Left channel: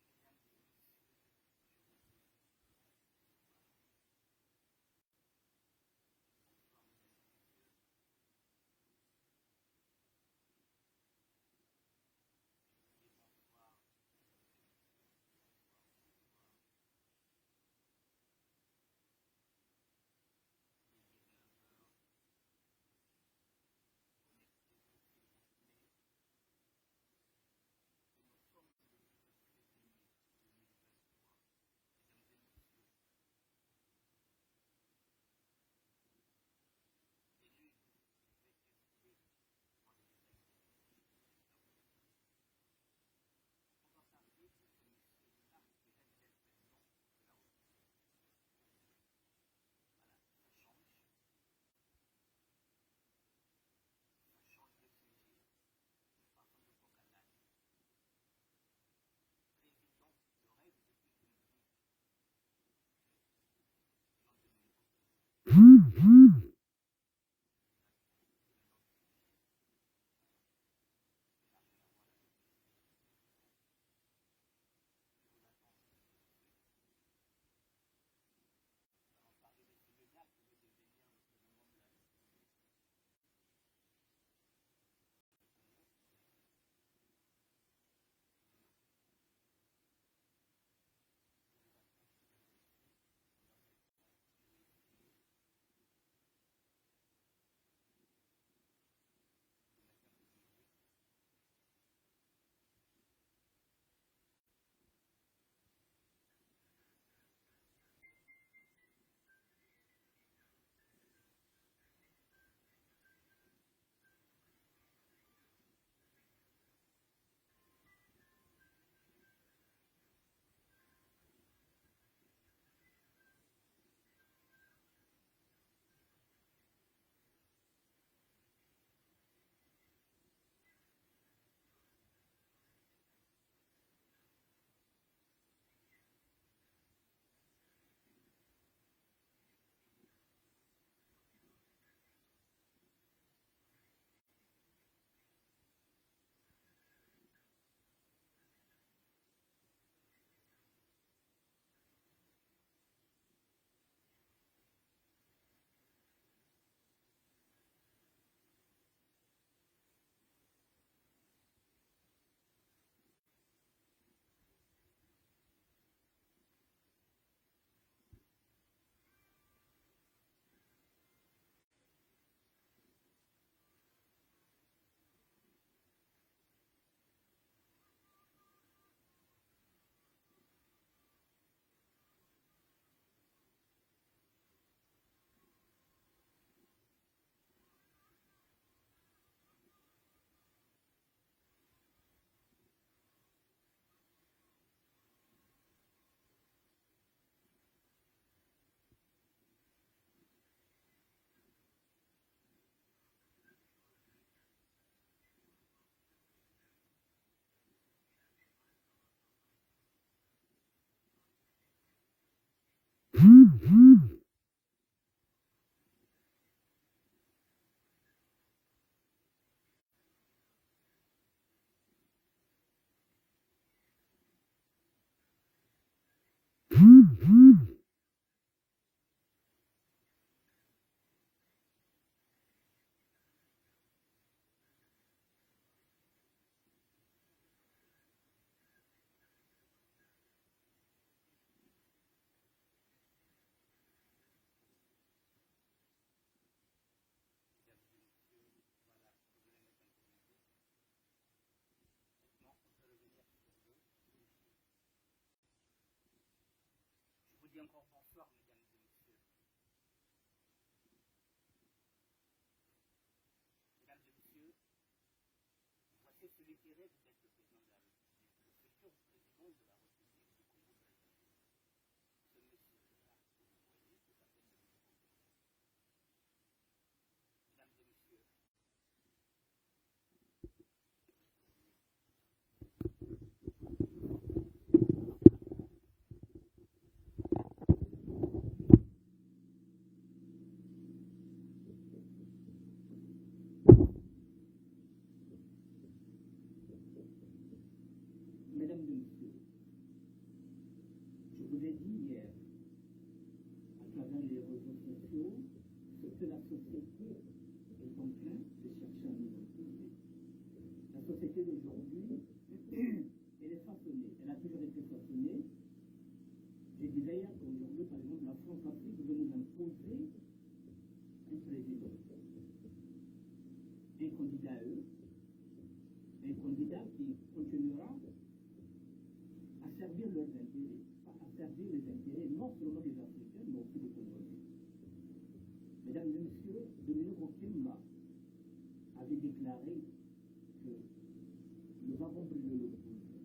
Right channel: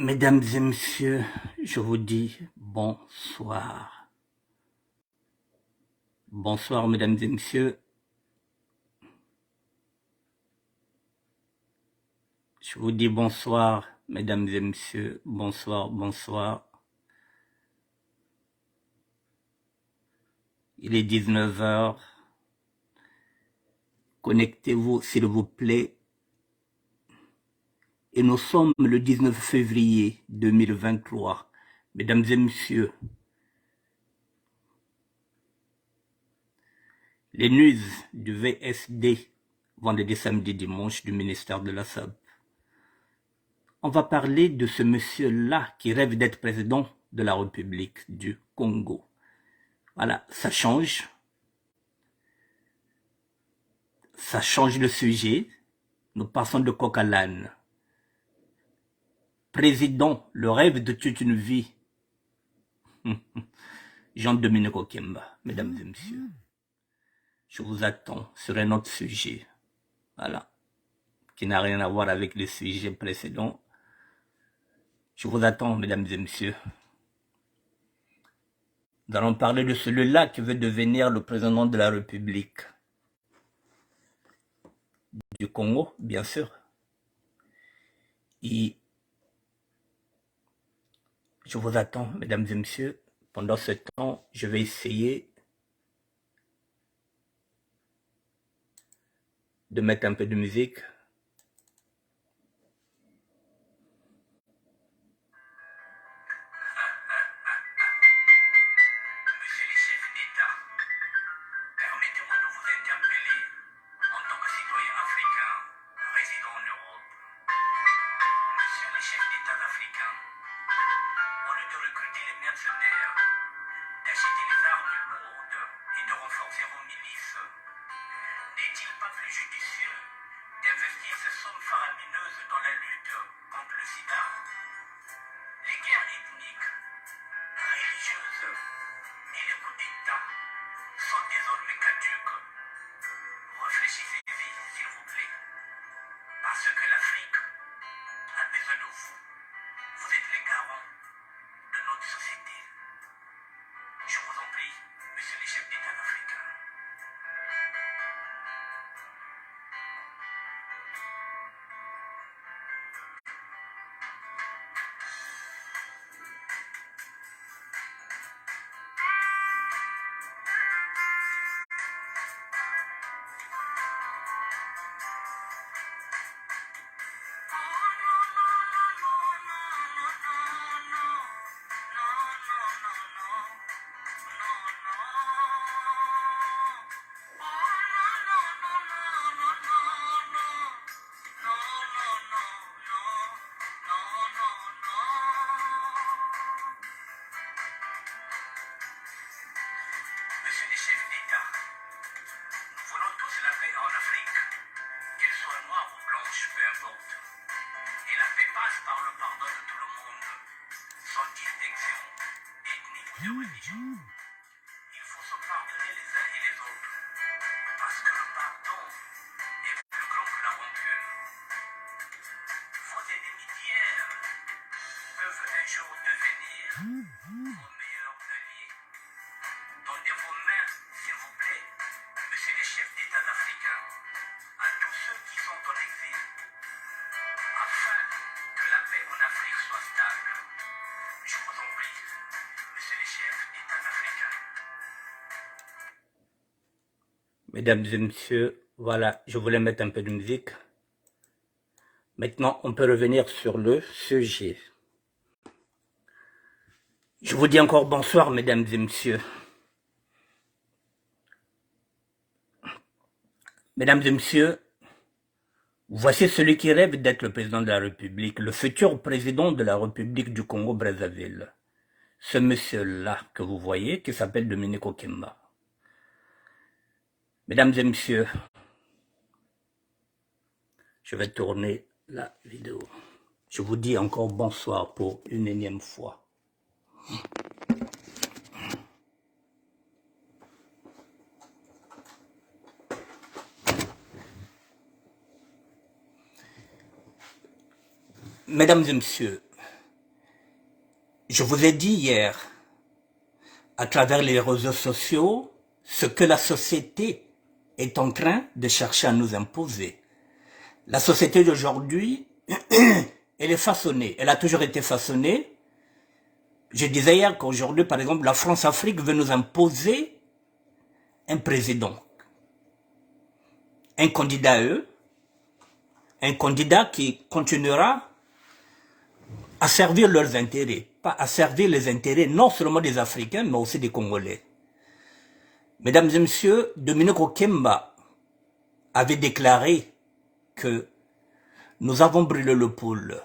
Mesdames et messieurs, je vous dis bonsoir. Bonsoir, mesdames et messieurs. Je vous dis bonsoir, mesdames et messieurs. Bonsoir, bonsoir. Il est 19 heures. Connectez-vous, s'il vous plaît. Et nous sommes le 19 février 2023. Mesdames et messieurs, les news du VSD, vendredi, samedi, dimanche, du ministère de la SAB. On va parler de ce monsieur-là qui rêve d'être président de la République du Congo. Voilà, ça change. Ça change le sujet. Nous passons de coq à l'âne. Président, le rêve de toute une vie. Jean-Dominique Okemba, mesdames et messieurs. Je vous attends sur un autre sujet. Voilà. Qui n'a rien à voir avec les sujets précédents. Je vous attends, mesdames et messieurs. Nous allons parler de celui-là qui veut devenir le président de la République du Congo, bien sûr. Et je vous attends, mesdames et messieurs. Pendant ce temps, je vais essayer de mettre un peu de musique. Monsieur les chefs d'État, permettez-moi de vous interpeller en tant que citoyen africain résidant en Europe. Monsieur les chefs d'État africains, au lieu de recruter les mercenaires, d'acheter les armes lourdes et de renforcer vos milices, n'est-il pas plus judicieux d'investir ces sommes faramineuses dans la lutte contre le sida? Les guerres ethniques, religieuses et les coups d'État sont désormais caduques. Réfléchissez-y, s'il vous plaît, parce que l'Afrique a besoin de vous. Vous êtes les garants de notre société. Je vous en prie, monsieur les chefs d'État africains. Monsieur les chefs d'État, nous voulons tous la paix en Afrique, qu'elle soit noire ou blanche, peu importe. Et la paix passe par le pardon de tout le monde, sans distinction ethnique ni religieuse. Il faut se pardonner les uns et les autres, parce que le pardon est plus grand que la rancune. Vos ennemis d'hier peuvent un jour devenir vos meilleurs alliés. Donnez vos mains, s'il vous plaît, monsieur les chefs d'État africains, à tous ceux qui sont en exil, afin que la paix en Afrique soit stable. Je vous en prie, monsieur les chefs d'État africains. Mesdames et messieurs, voilà, je voulais mettre un peu de musique. Maintenant, on peut revenir sur le sujet. Je vous dis encore bonsoir, mesdames et messieurs. Mesdames et messieurs, voici celui qui rêve d'être le président de la République, le futur président de la République du Congo-Brazzaville. Ce monsieur-là que vous voyez, qui s'appelle Dominique Okemba. Mesdames et messieurs, je vais tourner la vidéo. Je vous dis encore bonsoir pour une énième fois. Mesdames et messieurs, Je vous ai dit hier, à travers les réseaux sociaux, ce que la société est en train de chercher à nous imposer. La société d'aujourd'hui, elle est façonnée, elle a toujours été façonnée. Je disais hier qu'aujourd'hui, par exemple, la France-Afrique veut nous imposer un président, un candidat à eux, un candidat qui continuera à servir leurs intérêts, pas à servir les intérêts non seulement des Africains, mais aussi des Congolais. Mesdames et messieurs, Dominique Okemba avait déclaré que nous avons brûlé le pôle.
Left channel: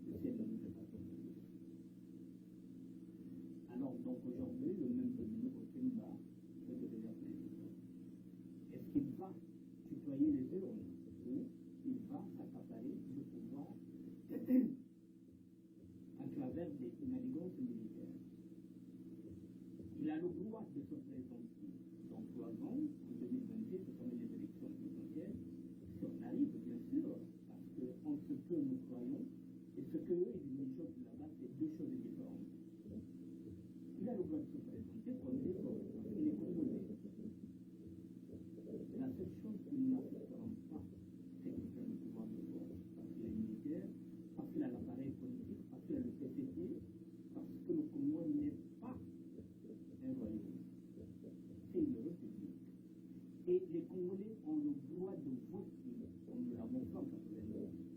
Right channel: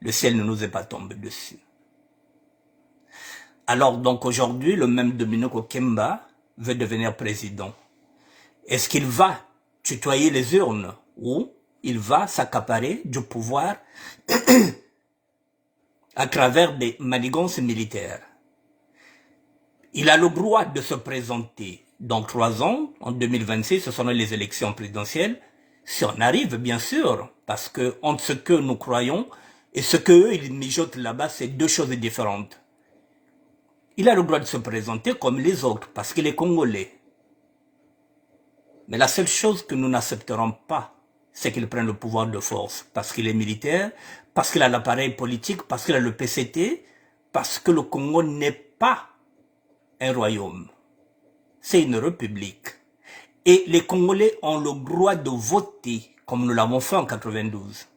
Le ciel ne nous est pas tombé dessus. Alors donc aujourd'hui, le même Dominique Okemba veut devenir président. Est-ce qu'il va tutoyer les urnes ou il va s'accaparer du pouvoir à travers des manigances militaires? Il a le droit de se présenter dans 3 ans, en 2026, ce seront les élections présidentielles, si on arrive bien sûr, parce que entre ce que nous croyons et ce qu'eux ils mijotent là-bas, c'est deux choses différentes. Il a le droit de se présenter comme les autres, parce qu'il est congolais. Mais la seule chose que nous n'accepterons pas, c'est qu'il prenne le pouvoir de force, parce qu'il est militaire, parce qu'il a l'appareil politique, parce qu'il a le PCT, parce que le Congo n'est pas un royaume. C'est une république. Et les Congolais ont le droit de voter, comme nous l'avons fait en 92.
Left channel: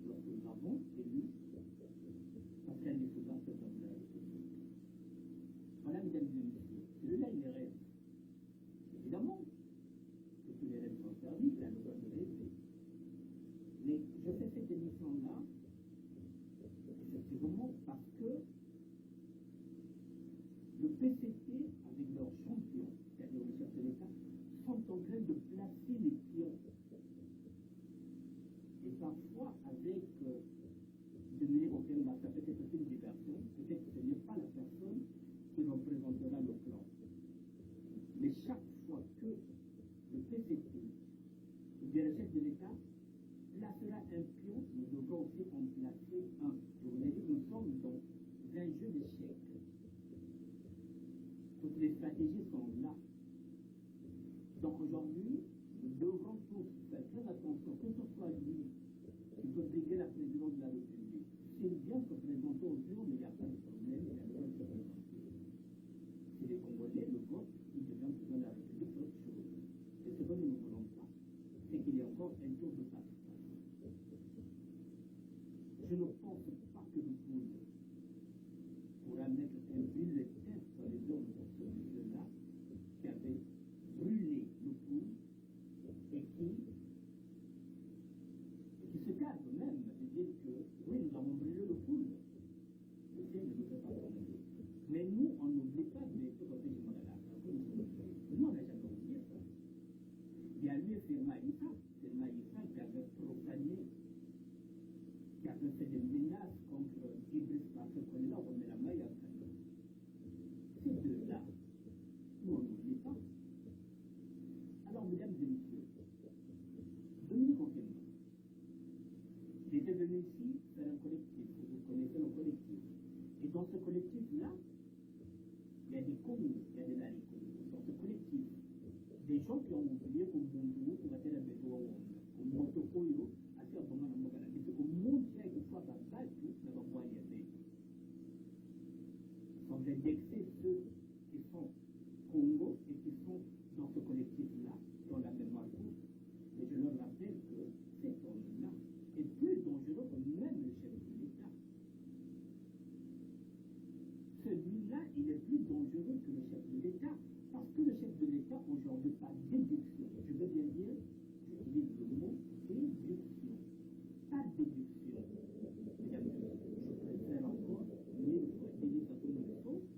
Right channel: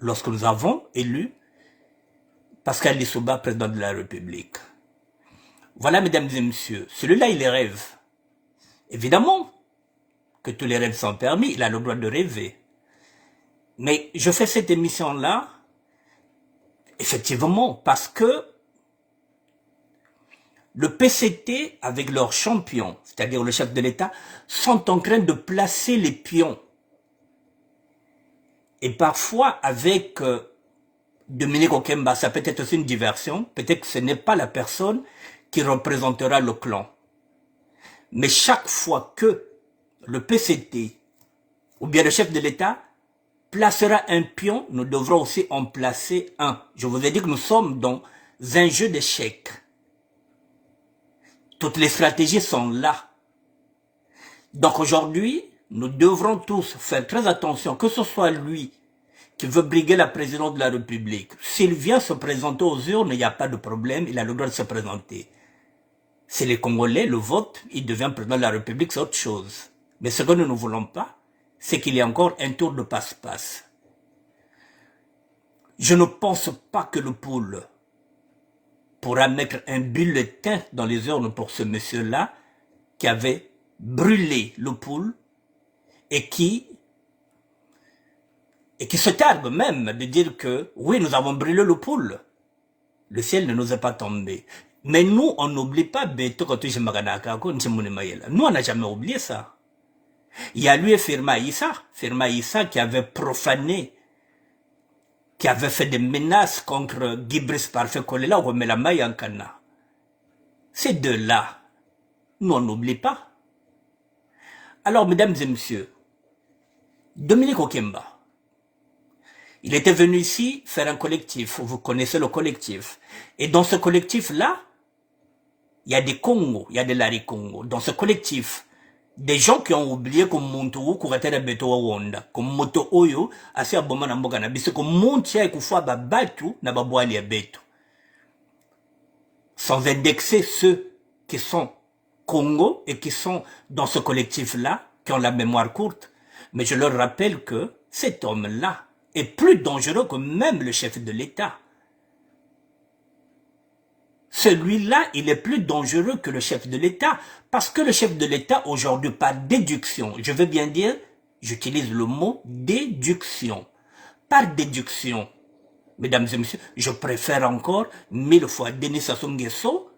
Lorsque nous avons élu Pascal Lissouba, président de la République. Voilà, mesdames et messieurs, celui-là, il rêve. Évidemment que tous les rêves sont permis, il a le droit de rêver. Mais je fais cette émission-là, effectivement, parce que le PCT, avec leurs champions, c'est-à-dire le chef de l'État, sont en train de placer les pions. Et parfois, avec Dominique Okemba, ça peut être aussi une diversion. Peut-être que ce n'est pas la personne qui représentera le clan. Mais chaque fois que le PCT, ou bien le chef de l'État, placera un pion, nous devrons aussi en placer un. Je vous ai dit que nous sommes dans un jeu d'échecs. Toutes les stratégies sont là. Donc aujourd'hui, nous devrons tous faire très attention, que ce soit lui qui veut briguer la présidence de la République. S'il vient se présenter aux urnes, il n'y a pas de problème, il a le droit de se présenter. C'est les Congolais, le vote, il devient président de la République, c'est autre chose. Mais ce que nous ne voulons pas, c'est qu'il y ait encore un tour de passe-passe. Je ne pense pas que le pôle pourra mettre un bulletin dans les urnes pour ce monsieur-là qui avait brûlé le pôle et qui se targue même de dire que oui, nous avons brûlé le pôle. Le ciel ne nous est pas tombé. Mais nous, on n'oublie pas Beto nous, on n'a jamais oublié ça. Il y a lui et Firma Issa qui avait profané, qui avait fait des menaces contre Guy-Brice Parfait Kolela ou Melama Yankana. Ces deux-là, nous, on n'oublie pas. Alors, mesdames et messieurs, Dominique Okemba, il était venu ici faire un collectif. Vous connaissez le collectif. Et dans ce collectif-là, il y a des Congos, il y a des Lari Congo. Dans ce collectif, des gens qui ont oublié que Montou Kuratera Beto Wanda, comme Moto Oyo, assez aboma na mboka na biso, comme Montia et Kufwa Babatu na Babouali ya Beto. Sans indexer ceux qui sont Congo et qui sont dans ce collectif-là, qui ont la mémoire courte. Mais je leur rappelle que cet homme-là est plus dangereux que même le chef de l'État. Celui-là, il est plus dangereux que le chef de l'État, parce que le chef de l'État, aujourd'hui, par déduction, je veux bien dire, j'utilise le mot déduction. Par déduction, mesdames et messieurs, je préfère encore 1000 fois Denis Sassou Nguesso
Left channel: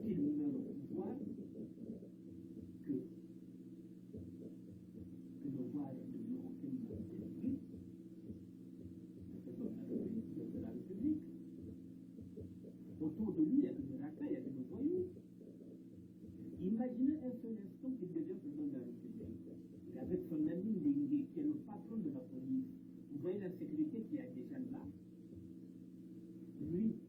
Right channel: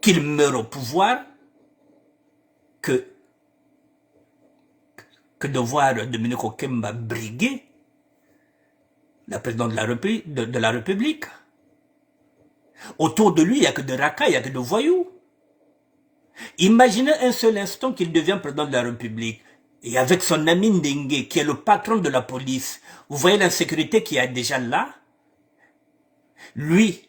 qu'il meure au pouvoir que de voir Dominique Okemba briguer la présidente de la République. Autour de lui, il n'y a que de racailles, il n'y a que de voyous. Imaginez un seul instant qu'il devient président de la République. Et avec son ami Ndengue, qui est le patron de la police, vous voyez l'insécurité qu'il y a déjà là. Lui,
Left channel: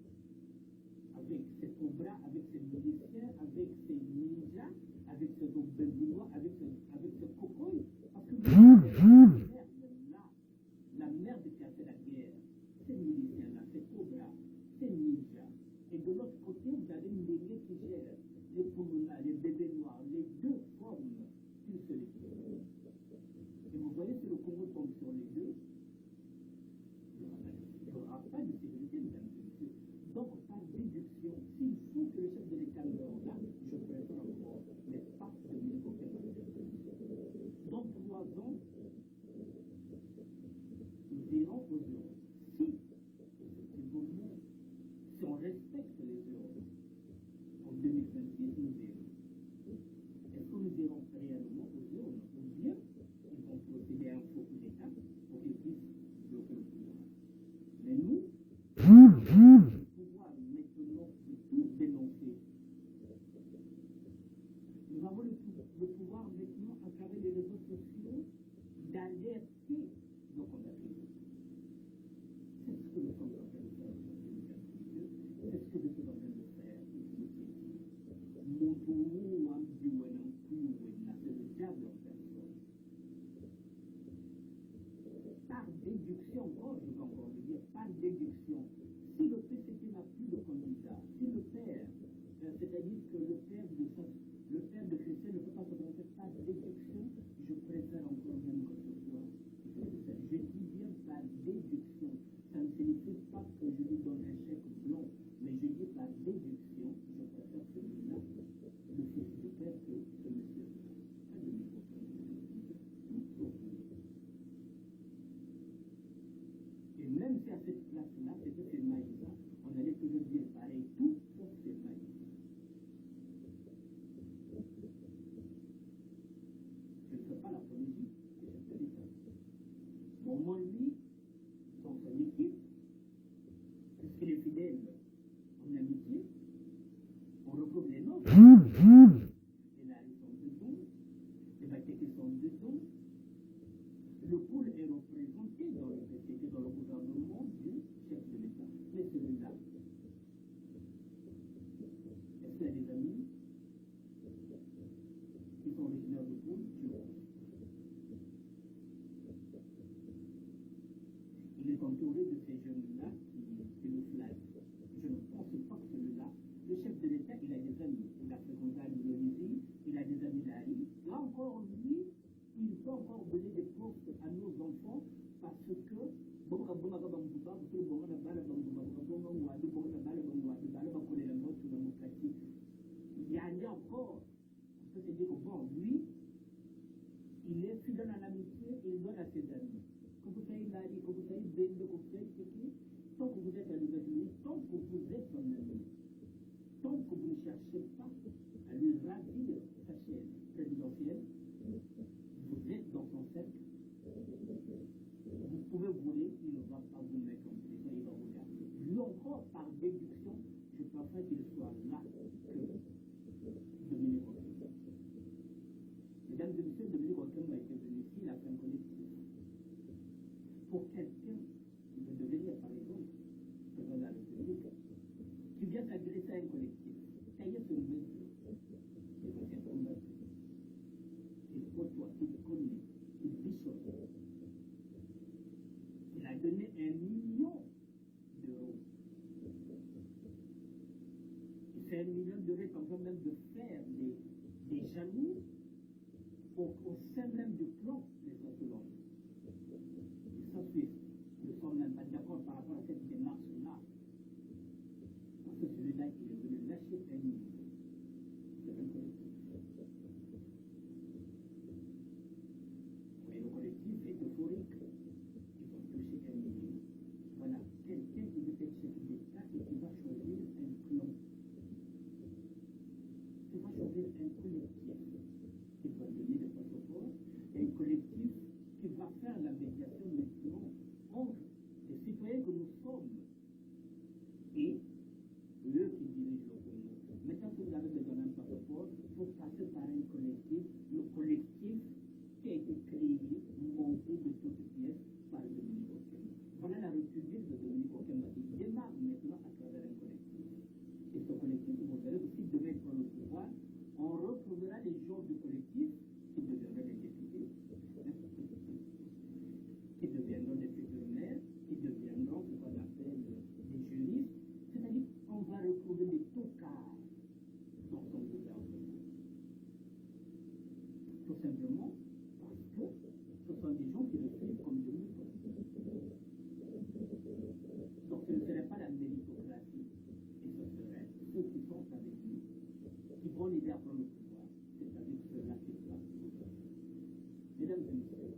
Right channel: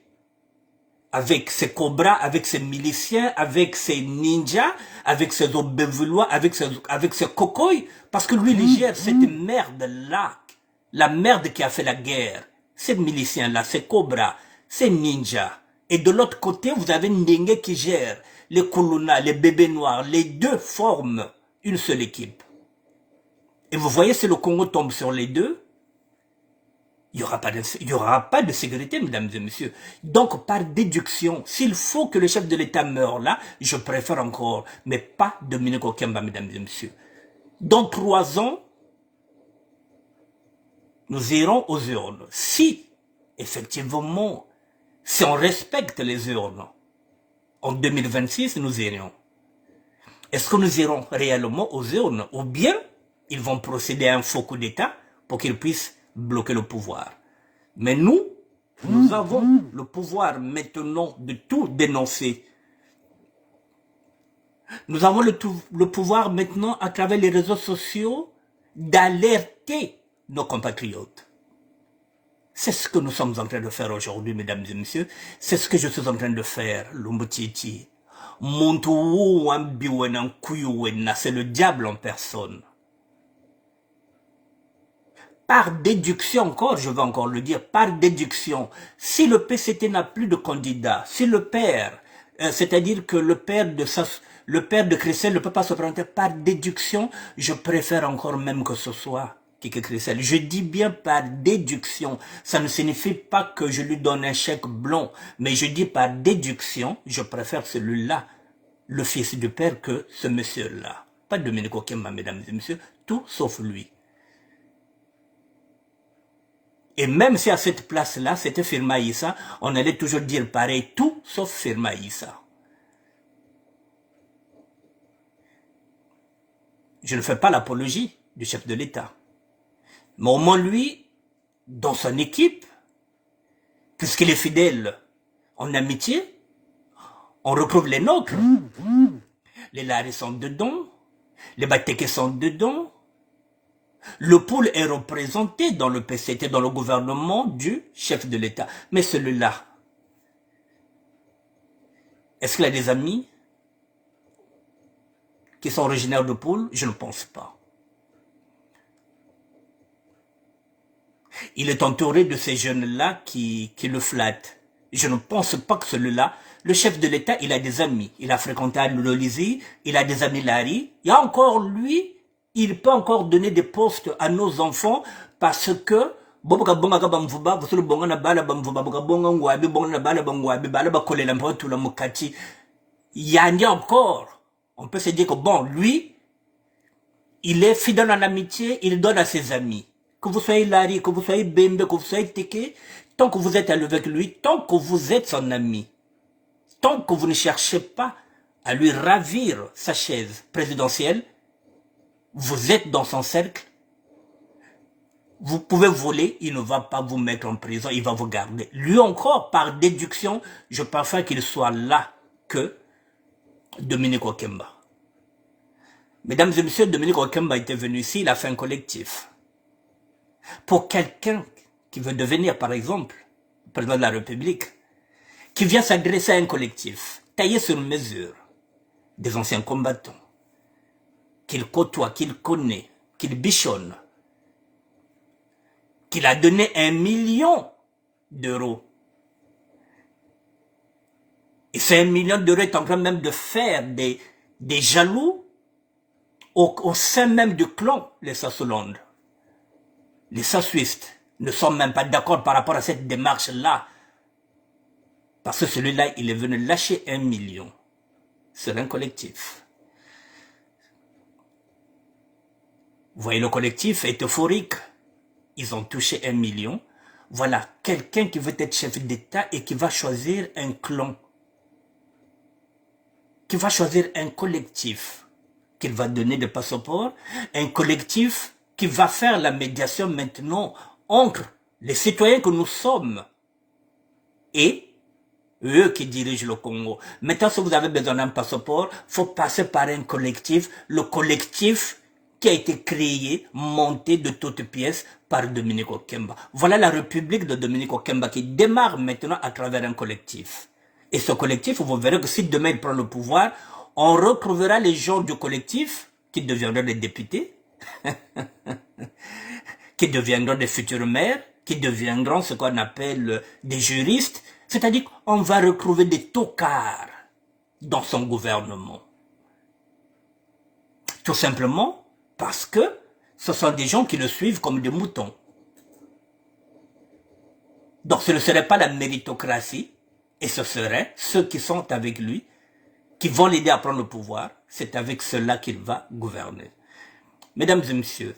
avec ses cobras, avec ses miliciens, avec ses ninjas, avec ses obévulois, avec ses cocoys, parce que lui, il gère cette merde-là, la merde qui a fait la guerre. Ces miliciens-là, ces cobras, ces ninjas. Et de l'autre côté, vous avez Ndenge qui gère les Kuluna, les bébés noirs. Les deux forment une seule équipe. Et vous voyez, si le Congo tombe sur les deux, il n'y aura pas de sécurité, mesdames et messieurs. Donc, par déduction, s'il faut que le chef de l'État meure là, je préfère encore, mais pas Dominique Okemba, mesdames et messieurs. Dans 3 ans, nous irons aux urnes. Si, effectivement, si on respecte les urnes, en 2026, nous irions. Est-ce que nous irons réellement aux urnes ou bien ils vont procéder à un faux coup d'État pour qu'ils puissent bloquer le pouvoir? Mais nous avons le pouvoir maintenant de tout dénoncer. Nous avons le pouvoir maintenant à travers les réseaux sociaux d'alerter nos compatriotes. C'est ce que nous sommes en train de faire aujourd'hui, mesdames et messieurs. C'est ce que je suis en train de faire, Lumbutiti. C'est le diable en personne. Par déduction encore, je vais encore le dire, par déduction, si le PCT n'a plus de candidat, si le père, c'est-à-dire que le père de Christelle ne peut pas se présenter par déduction, je préfère encore même que ce soit Kiki Christelle. Je dis bien par déduction, ça ne signifie pas que je lui donne un chèque blanc, mais je dis par déduction, je préfère celui-là, le fils du père, que ce monsieur-là. Pas Dominique Okemba, mesdames et messieurs, tout sauf lui. Et même si à cette place-là, c'était Firma Issa, on allait toujours dire pareil, tout sauf Firma Issa. Je ne fais pas l'apologie du chef de l'État. Mais au moins lui, dans son équipe, puisqu'il est fidèle en amitié, on retrouve les nôtres. Les Laris sont dedans, les Bateke sont dedans. Le pôle est représenté dans le PCT, dans le gouvernement du chef de l'État. Mais celui-là, est-ce qu'il a des amis qui sont originaires de pôle? Je ne pense pas. Il est entouré de ces jeunes-là qui le flattent. Je ne pense pas que celui-là, le chef de l'État, il a des amis. Il a fréquenté l'Olizy, il a des amis Larry. Il y a encore lui, il peut encore donner des postes à nos enfants parce que il y a encore. On peut se dire que bon, lui, il est fidèle en amitié, il donne à ses amis. Que vous soyez Larry, que vous soyez Bembe, que vous soyez Teke, tant que vous êtes avec lui, tant que vous êtes son ami, tant que vous ne cherchez pas à lui ravir sa chaise présidentielle, vous êtes dans son cercle, vous pouvez voler, il ne va pas vous mettre en prison, il va vous garder. Lui encore, par déduction, je préfère qu'il soit là que Dominique Okemba. Mesdames et messieurs, Dominique Okemba était venu ici, il a fait un collectif. Pour quelqu'un qui veut devenir, par exemple, président de la République, qui vient s'adresser à un collectif, taillé sur mesure, des anciens combattants, qu'il côtoie, qu'il connaît, qu'il bichonne, qu'il a donné 1 million d'euros. Et ces 1 million d'euros est en train même de faire des jaloux au sein même du clan, les Sassolandes. Les Sassuistes ne sont même pas d'accord par rapport à cette démarche-là. Parce que celui-là, il est venu lâcher 1 million sur un collectif. Vous voyez, le collectif est euphorique. Ils ont touché 1 million. Voilà, quelqu'un qui veut être chef d'État et qui va choisir un clan. Qui va choisir un collectif. Qu'il va donner des passeports. Un collectif qui va faire la médiation maintenant entre les citoyens que nous sommes et eux qui dirigent le Congo. Maintenant, si vous avez besoin d'un passeport, il faut passer par un collectif. Le collectif qui a été créée, montée de toutes pièces par Dominique Okemba. Voilà la République de Dominique Okemba qui démarre maintenant à travers un collectif. Et ce collectif, vous verrez que si demain il prend le pouvoir, on retrouvera les gens du collectif qui deviendront des députés, qui deviendront des futurs maires, qui deviendront ce qu'on appelle des juristes. C'est-à-dire qu'on va retrouver des tocards dans son gouvernement. Tout simplement parce que ce sont des gens qui le suivent comme des moutons. Donc ce ne serait pas la méritocratie, et ce serait ceux qui sont avec lui, qui vont l'aider à prendre le pouvoir. C'est avec cela qu'il va gouverner. Mesdames et messieurs,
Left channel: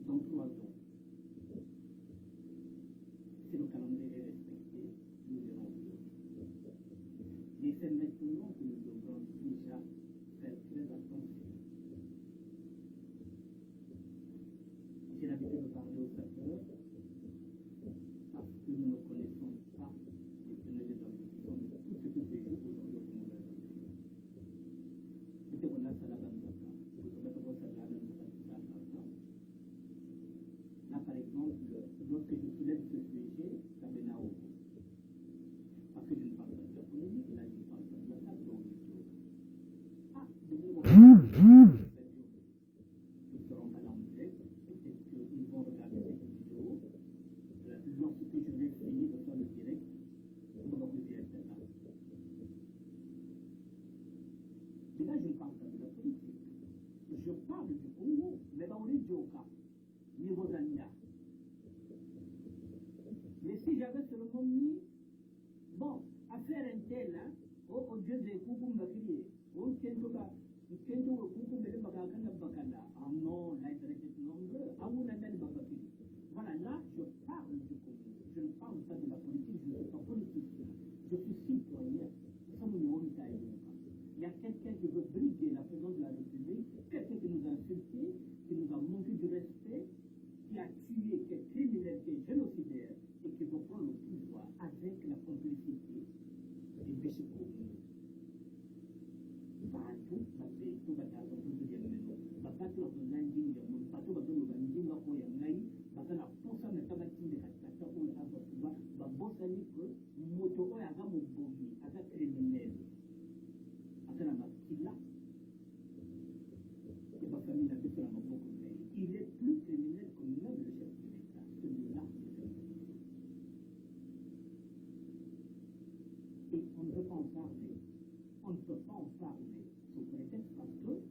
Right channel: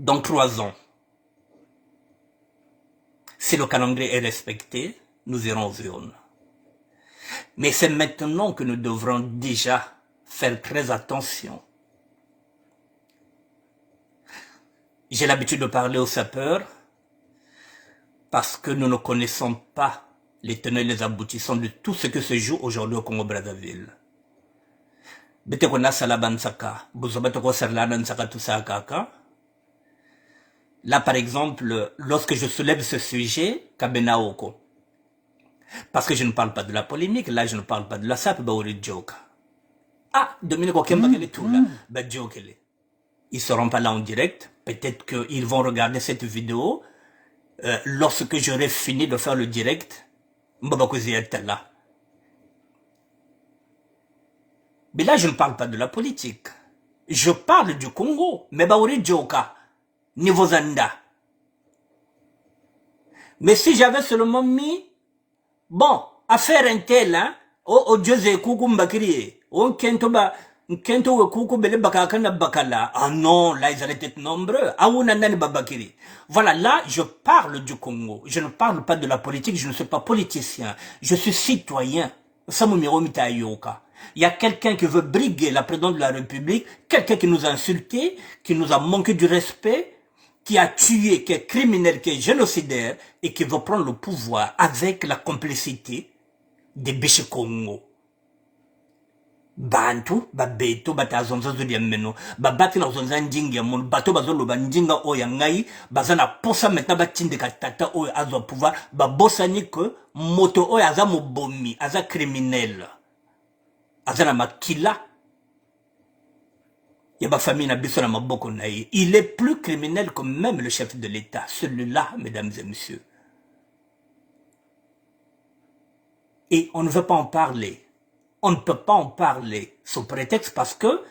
dans 3 ans, si le calendrier est respecté, nous irons aux urnes. Mais c'est maintenant que nous devrons déjà faire très attention. J'ai l'habitude de parler aux sapeurs parce que nous ne connaissons pas les tenants et les aboutissants de tout ce que se joue aujourd'hui au Congo-Brazzaville. Là, par exemple, lorsque je soulève ce sujet, Kabenaoko, parce que je ne parle pas de la polémique, là je ne parle pas de la SAP, ah, Dominique Okemba, quel est tout là? Ils ne seront pas là en direct. Peut-être qu'ils vont regarder cette vidéo lorsque j'aurai fini de faire le direct. Là. Mais là, je ne parle pas de la politique. Je parle du Congo. Niveau Zanda. Mais si j'avais seulement mis, bon, affaire un tel, hein, oh Dieu, c'est coucou mbakiri. Oh, kentoba, kento coucou bele bakakana bakala. Ah non, là, ils allaient être nombreux. Ah, ou nanani babakiri. Voilà, là, je parle du Congo. Je ne parle pas de la politique, je ne suis pas politicien. Je suis citoyen. Il y a quelqu'un qui veut briguer la présidente de la République, quelqu'un qui nous a insultés, qui nous a manqué du respect, qui a tué, qui est criminel, qui est génocidaire, et qui veut prendre le pouvoir avec la complicité des Bichi Congo. Bantu, babeto, batazonza zodiameno, babati na zonza njingi mon bato bazolo banjinga oya ngai, bazana posa maintenant batinde katata oya azo pouvoir, babosani que moto oya aza mobomi, aza criminel, aza na makila. Il y a famille na biso na maboko na ye. Il est plus criminel que même le chef de l'État, celui-là, mesdames et messieurs. Et on ne veut pas en parler. On ne peut pas en parler sous prétexte parce que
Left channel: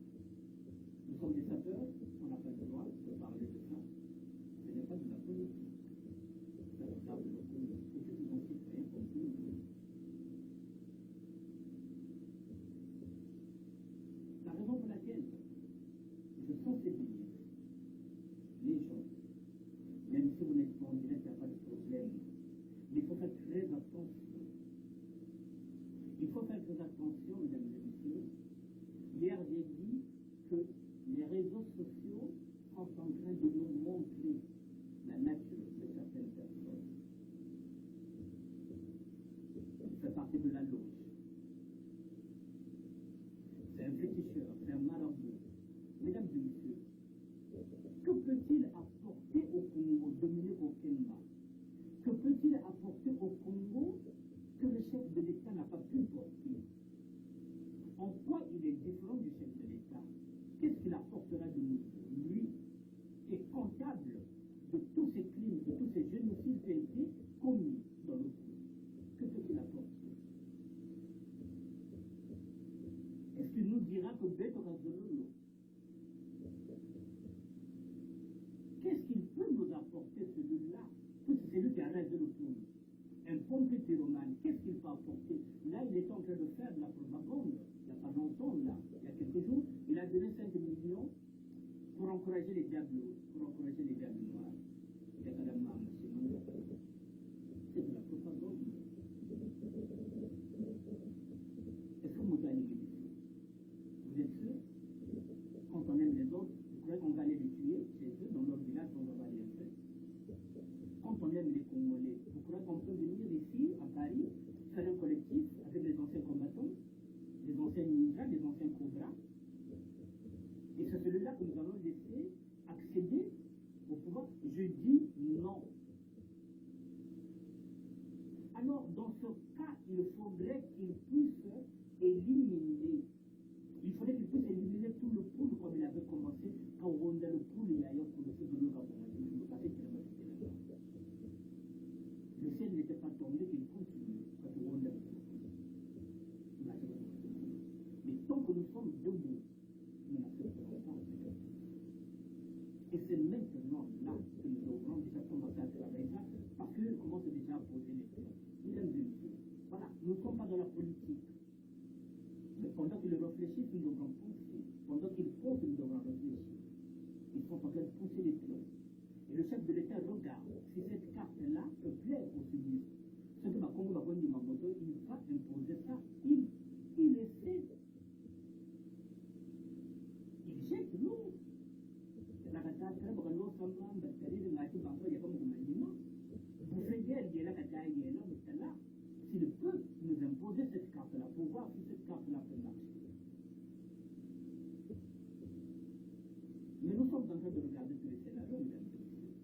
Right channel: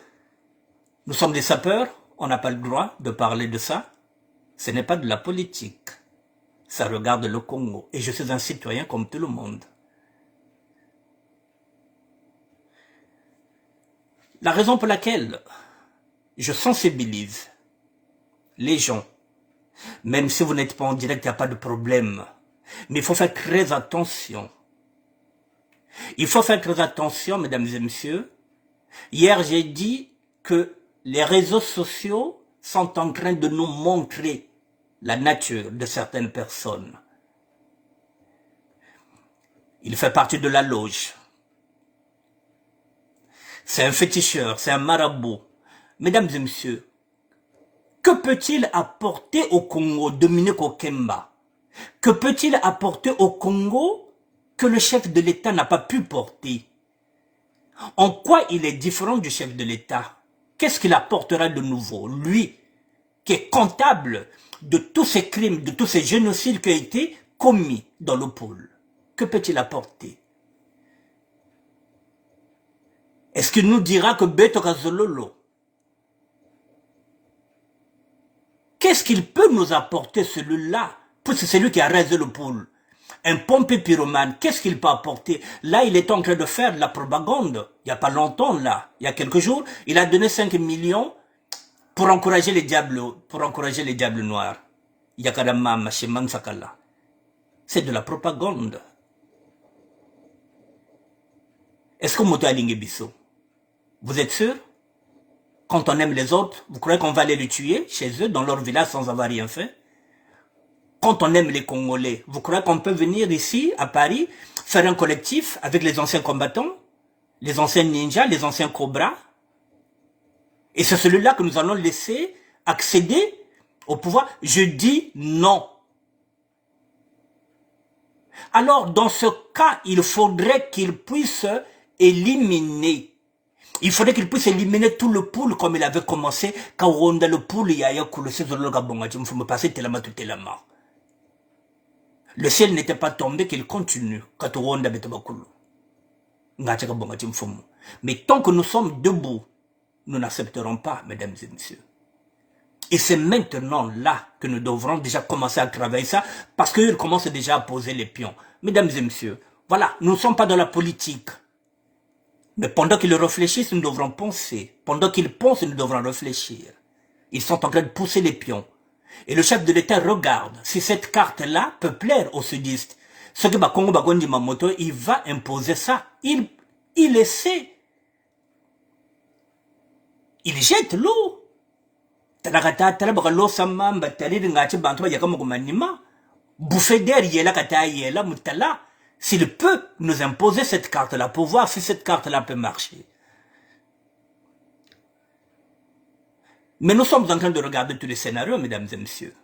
nous sommes des sapeurs, on n'a pas le droit de parler de ça. Ce n'est pas de la politique. Ça regarde le Congo. Et je suis un citoyen comme tout le monde. La raison pour laquelle je sensibilise les gens, même si vous n'êtes pas en direct, il n'y a pas de problème. Mais il faut faire très attention. Il faut faire très attention, mesdames et messieurs. Hier, j'ai dit que les réseaux sociaux sont en train de nous montrer la nature de certaines personnes. Il fait partie de la loge. C'est un féticheur, c'est un marabout. Mesdames et messieurs, que peut-il apporter au Congo, Dominique Okemba? Que peut-il apporter au Congo que le chef de l'État n'a pas pu porter? En quoi il est différent du chef de l'État? Qu'est-ce qu'il apportera de nouveau? Lui, qui est comptable de tous ces crimes, de tous ces génocides qui ont été commis dans le pôle. Que peut-il apporter? Est-ce qu'il nous dira que Beto Kazololo, qu'est-ce qu'il peut nous apporter celui-là? Puisque c'est lui qui a rasé le pôle. Un pompé pyromane, qu'est-ce qu'il peut apporter? Là, il est en train de faire de la propagande. Il n'y a pas longtemps, là, il y a quelques jours, il a donné 5 millions pour encourager les diables noirs. C'est de la propagande. Est-ce que Moto Alingebiso, vous êtes sûr? Quand on aime les autres, vous croyez qu'on va aller les tuer chez eux, dans leur village, sans avoir rien fait? Quand on aime les Congolais, vous croyez qu'on peut venir ici, à Paris, faire un collectif avec les anciens combattants, les anciens ninjas, les anciens cobras, Et c'est celui-là que nous allons laisser accéder au pouvoir. Je dis non. Alors, dans ce cas, il faudrait qu'il puisse éliminer. Il faudrait qu'il puisse éliminer tout le pool comme il avait commencé. Quand on a le pool, il y a le ciel n'était pas tombé, qu'il continue. Mais tant que nous sommes debout, nous n'accepterons pas, mesdames et messieurs. Et c'est maintenant là que nous devrons déjà commencer à travailler ça, parce qu'ils commencent déjà à poser les pions. Mesdames et messieurs, voilà, nous ne sommes pas dans la politique. Mais pendant qu'ils réfléchissent, nous devrons penser. Pendant qu'ils pensent, nous devrons réfléchir. Ils sont en train de pousser les pions. Et le chef de l'État regarde si cette carte-là peut plaire aux sudistes. Ce que Bakongo Bagondi Mamoto, il va imposer ça. Il essaie. Il jette l'eau. Bouffer d'air, s'il peut nous imposer cette carte-là pour voir si cette carte-là peut marcher. Mais nous sommes en train de regarder tous les scénarios, mesdames et messieurs.